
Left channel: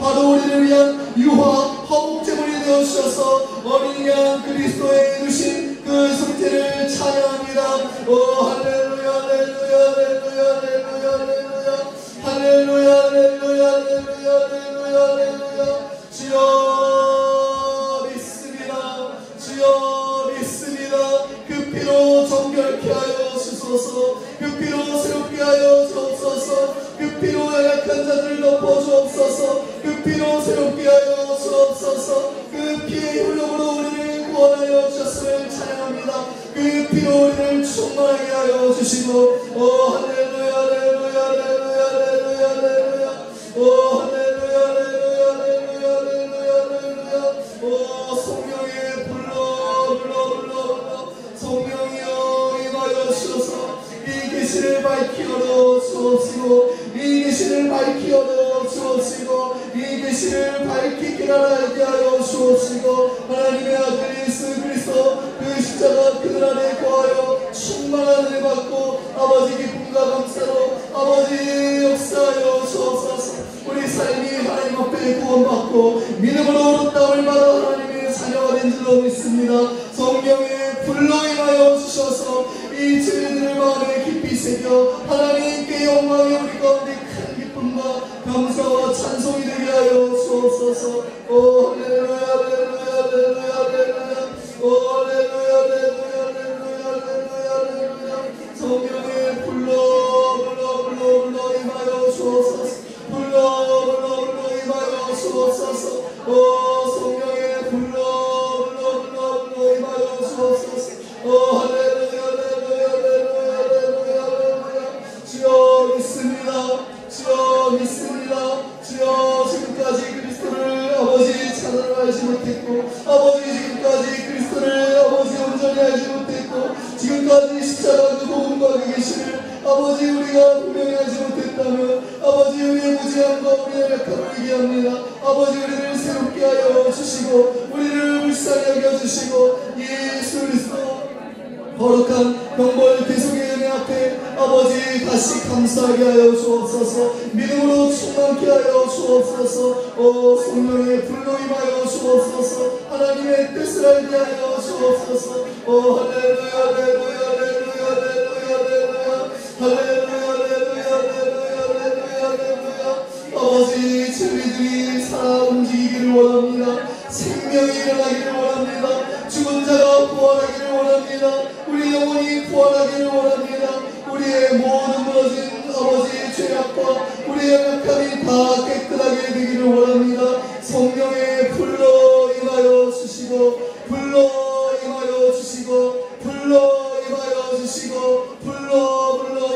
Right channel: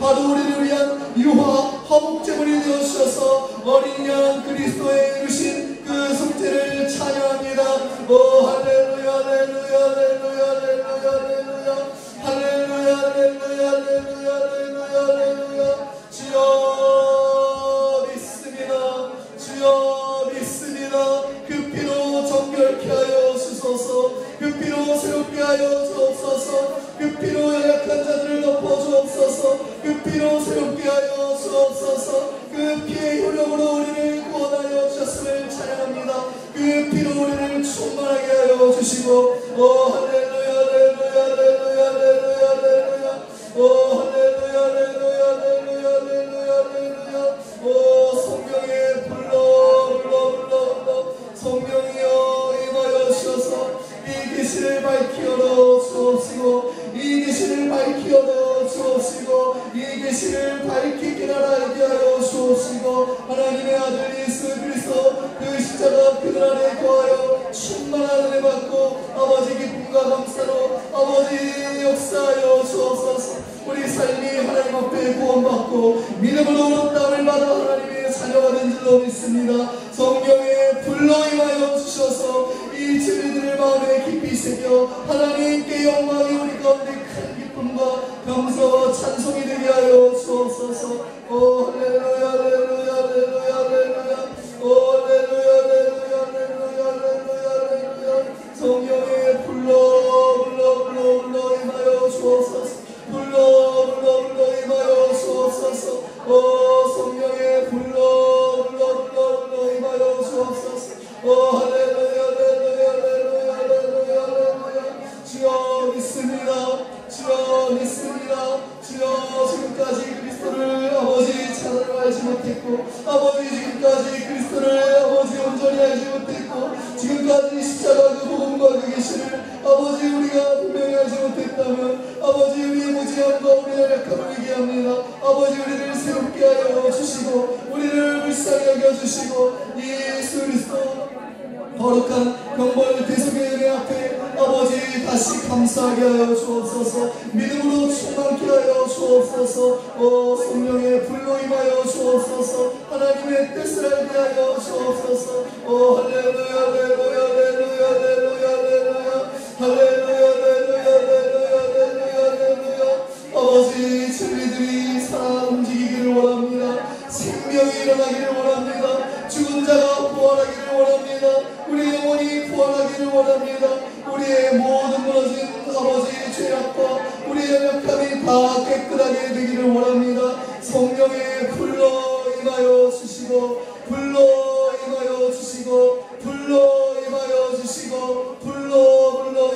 바로 우리를 위한 유화 화목제물이 되어주셔서 어린 양 그리스도의 이루신 그 속죄를 찬양합니다. 오 할렐루야, 할렐루야, 할렐루야, 할렐루야, 할렐루야, 할렐루야, 할렐루야, 할렐루야, 할렐루야, 할렐루야. 주여 믿습니다. 주여 믿습니다. 그 피로 정결케 하여 주소서. 그 피로 새롭게 하여 주옵소서. 그 피로 연약한 자들을 덮어 주옵소서. 그 피로 새롭게 하여 주옵소서. 그 피의 효력으로 우리를 구원하여 주셨음을 찬양합니다. 그 피로 우리를 충만하게 하여 주시고, 오 할렐루야, 할렐루야, 할렐루야, 할렐루야, 할렐루야. 오 할렐루야, 할렐루야, 할렐루야, 할렐루야, 할렐루야. 오 성령의 불러 성령이여 임하여 주셔서 이 계시를 밝히 열어 주옵시고, 이 계시를 밝히 열어 주옵시고, 이 계시를 밝히 깨달아게 하여 주옵시고, 하나님의 아들 예수 그리스도 그 십자가 그늘 안에 거하여 충만한 은혜 받고 아버지 기쁨과 감사로 아버지 역사하여 주옵소서. 우리 삶이 하나님 앞에 구원받고 믿음으로 얻었다함을 받아 하나님의 자녀가 된 줄로 믿습니다. 성령의 불로 임하여 주셔서 이 진리들을 마음에 깊이 새겨 하나님께 영광이 우리 가운데 큰 기쁨과 감사와 찬송이 되게 하여 주옵소서. 오 할렐루야, 할렐루야, 할렐루야, 할렐루야. 오 할렐루야, 할렐루야, 할렐루야, 할렐루야, 할렐루야. 성령의 불로 임하여 주옵소서. 불로 임하여 주옵소서. 오 성령의 불로 임하여 주옵소서. 오 할렐루야, 할렐루야, 할렐루야, 할렐루야, 할렐루야. 주여 믿습니다. 주여 알지 못했고, 아버지 지금까지 그리스도를 아버지 온전히 알지 못했고, 지금까지 십자가 그 복음과 그 계시를 아버지 우리가 분명히 알지 못했다면 아버지 우리의 무지함과 우리의 약함을 얘기합니다. 아버지 우리를 새롭게 하여 주시고 우리를 불쌍히 여겨주시고 예수 그리스도 거룩한 영벌 대속의 은혜 앞에 아버지 다시 감사하게 하여 주옵소서. 믿음으로 충만케 하여 주옵소서. 성령의 불로 임하여 주옵소서. 하나님의 뜻을 알게 하여 주옵소서. 할렐루야 할렐루야 할렐루야 할렐루야 할렐루야 할렐루야 할렐루야 할렐루야. 아버지 저희들이 살아 움직이기를 원합니다. 생명이 일어나기를 원합니다. 죽은 자가 부활하기를 원합니다. 우리 영혼이 부활하기를 원합니다. 우리의 모든 무너진 아버지 죄악과 우리의 연약함이 다 깨끗하게 되기를 원합니다. 성령의 불로 임하여 주시고 불로 임하여 주시고 불로 임하여 주시고 불로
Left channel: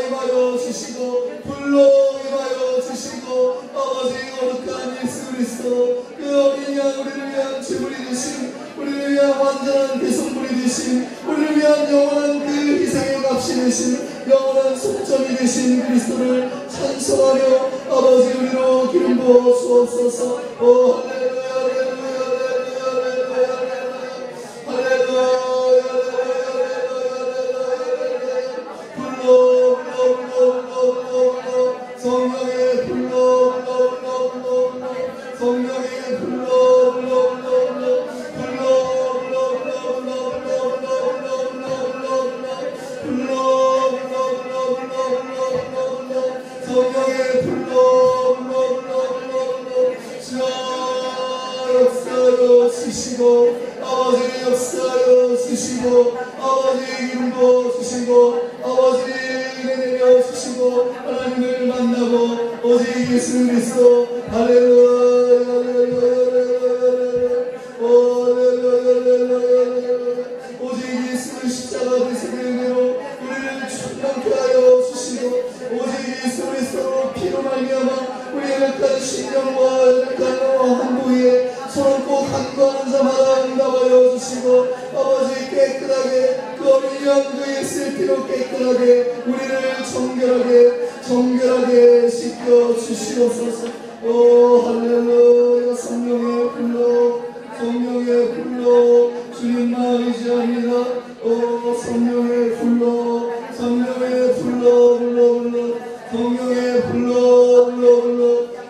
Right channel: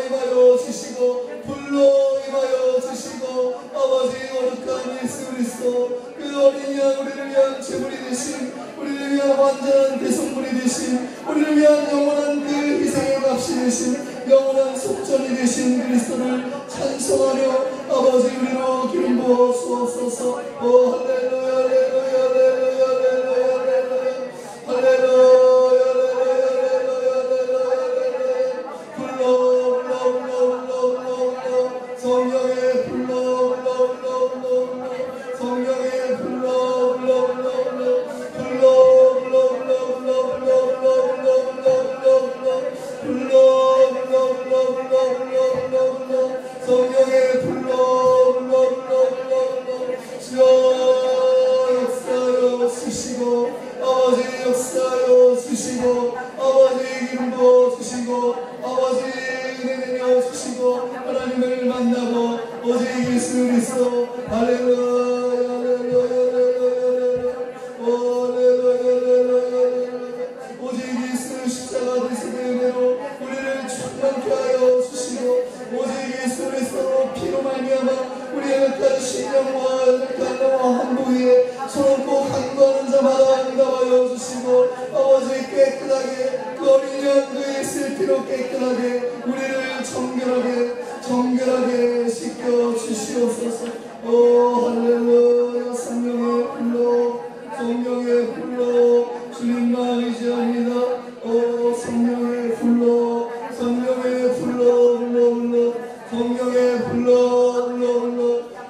임하여 주시고 불로 임하여 주시고 아버지 거룩한 예수 그리스도 그 어린 양 우리를 위한 제물이 되신 우리를 위한 완전한 대성물이 되신 우리를 위한 영원한 그 희생의 값이 되신 영원한 속전이 되신 그리스도를 찬송하며 아버지 우리로 기름 부어 주옵소서. 할렐루야 할렐루야 할렐루야 할렐루야 할렐루야 할렐루야 불러 성령의 불러 성령의 불러 성령의 불러 역사하여 주시고 아버지 역사하여 주시고 아버지 기름 부어 주시고 아버지 은혜 내려 주시고 하나님을 만나고 오직 예수 그리스도 할렐루야 오직 예수 십자가 대속의 은혜로 우리를 충만케 하여 주시고 오직 예수 그리스도로 피로 말미암아 우리의 연약한 신령과 연약한 영과 한부위에 서로 간구하는 자마다 응답하여 주시고 아버지 깨끗하게 그 어린 양 그 예수의 피로 깨끗하게 우리를 정결하게 씻겨 주시옵소서. 할렐루야 성령의 불러 주님만 의지합니다. 성령의 불러 성령의 불러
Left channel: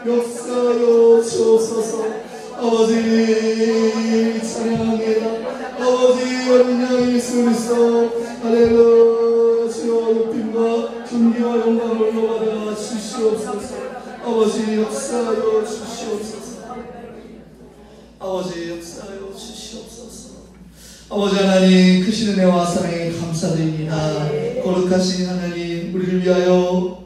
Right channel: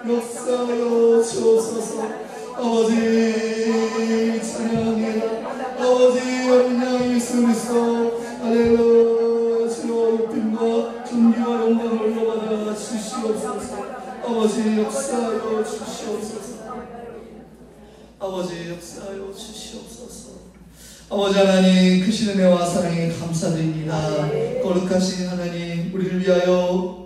역사하여 주옵소서. 아버지 찬양합니다. 아버지 어린 양 예수 그리스도 할렐루야 주여 높임과 존귀와 영광을 올려받아 주시옵소서. 아버지 역사하여 주시옵소서. 아버지 역사하여 주시옵소서. 아버지 하나님 크신 은혜와 사랑에 감사드립니다. 거룩하신 하나님 우리를 위하여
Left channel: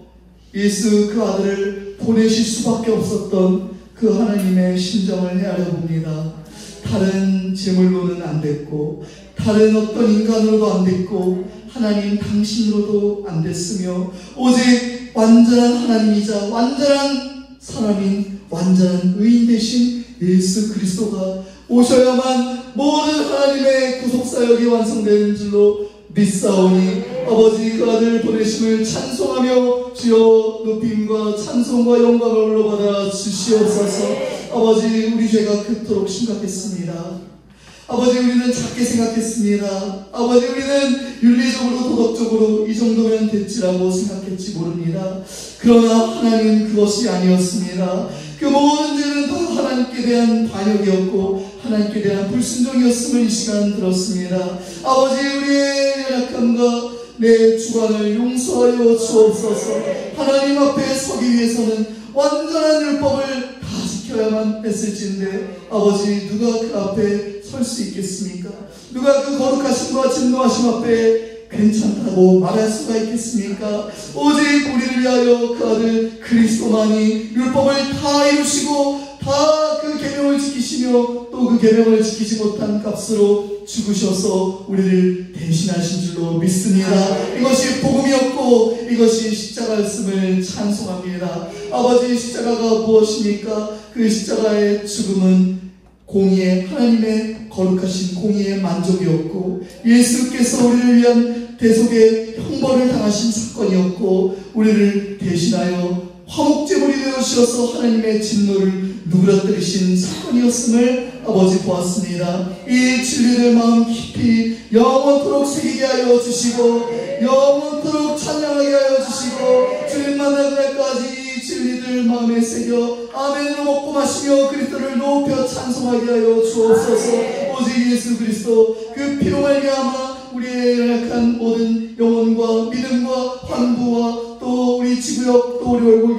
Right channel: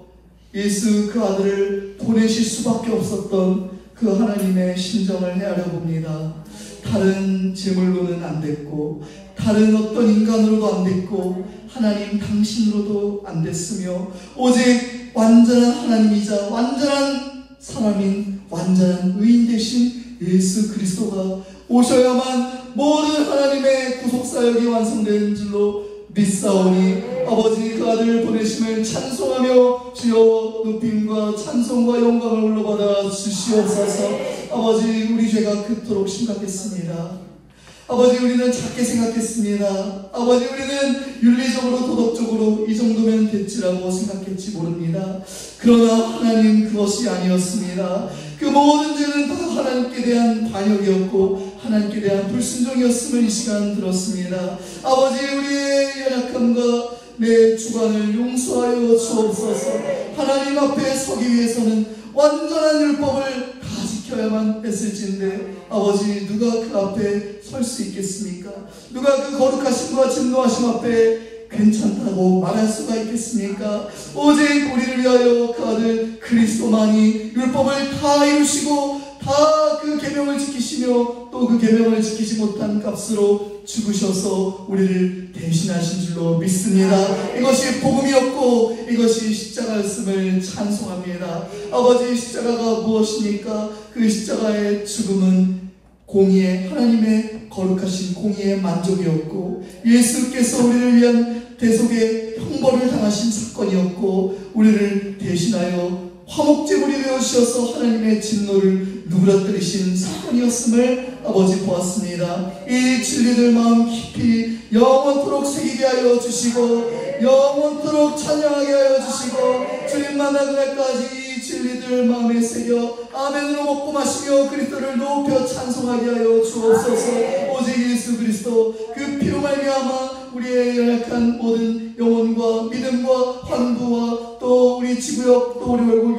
예수 그 아들을 보내실 수밖에 없었던 그 하나님의 심정을 헤아려 봅니다. 다른 제물로는 안 됐고 다른 어떤 인간으로도 안 됐고 하나님 당신으로도 안 됐으며 오직 완전한 하나님이자 완전한 사람인 완전한 의인 되신 예수 그리스도가 오셔야만 모든 하나님의 구속사역이 완성되는 줄로 믿사오니 아버지 그 아들 보내심을 찬송하며 주여 높임과 찬송과 영광을 올려받아 주시옵소서. 아버지 우리 죄가 그토록 심각했습니다. 아버지 우리는 작게 생각했습니다. 아버지 우리는 윤리적으로 도덕적으로 이 정도면 됐지라고 생각했지 모릅니다. 그러나 하나님 그것이 아니었습니다. 그 모든 죄는 다 하나님께 대한 반역이었고 하나님께 대한 불순종이었음을 이 시간 들었습니다. 아버지 우리의 연약함과 내 주관을 용서하여 주옵소서. 하나님 앞에 서기 위해서는 완전한 율법을 다 지켜야만 했을진데 아버지 누가 그 앞에 설 수 있겠습니까? 누가 그 거룩하심과 진노하심 앞에 괜찮다고 말할 수가 있겠습니까? 오직 우리를 위하여 그 아들 그리스도만이 율법을 다 이루시고 다 그 계명을 지키시며 또 그 계명을 지키지 못한 값으로 죽으셔서 우리를 대신하신 줄로 믿습니다. 이것이 복음이었고 이것이 십자가였음을 찬송합니다. 아버지 십자가가 무엇입니까? 그 십자가의 죽음은 공의의 하나님의 거룩하신 공의의 만족이었고, 예수께서 우리를 위한 대속의 형벌을 당하신 사건이었고, 우리를 대신하여 화목제물이 되어 주셔서 하나님의 진노를 누그러뜨리신 사건이었음을 아버지 보았습니다. 이 진리를 마음 깊이 영원토록 새기게 하여 주시고, 영원토록 찬양하게 하여 주시고, 주님 만날 날까지 이 진리들 마음에 새겨 아멘으로 먹고 마시며 그리스도를 높여 찬송하게 하여 주옵소서. 오직 예수 그리스도 그 피로 말미암아 우리의 연약한 모든 영혼과 믿음과 환부와 또 우리 지구역 또 우리 얼굴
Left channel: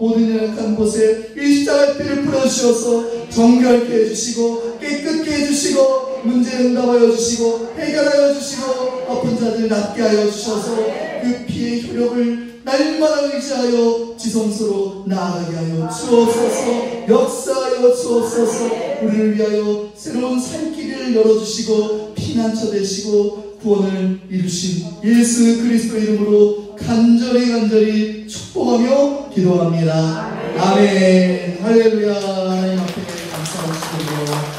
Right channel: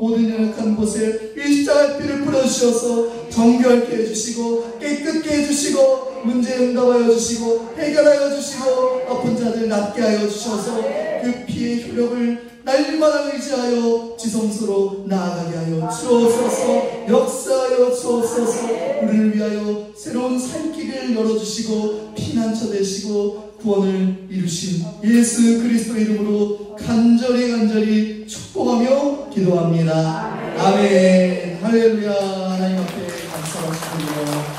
모든 연약한 곳에 이 십자가의 피를 뿌려주셔서 정결케 해주시고 깨끗게 해주시고 문제 응답하여 주시고 해결하여 주시고 아픈 자들 낫게 하여 주셔서 그 피의 효력을 날마다 의지하여 지성소로 나아가게 하여 주옵소서. 역사하여 주옵소서. 우리를 위하여 새로운 살 길을 열어주시고 피난처 되시고 구원을 이루신 예수 그리스도 이름으로 간절히 축복하며 기도합니다. 아멘. 할렐루야. 하나님 앞에 감사드리고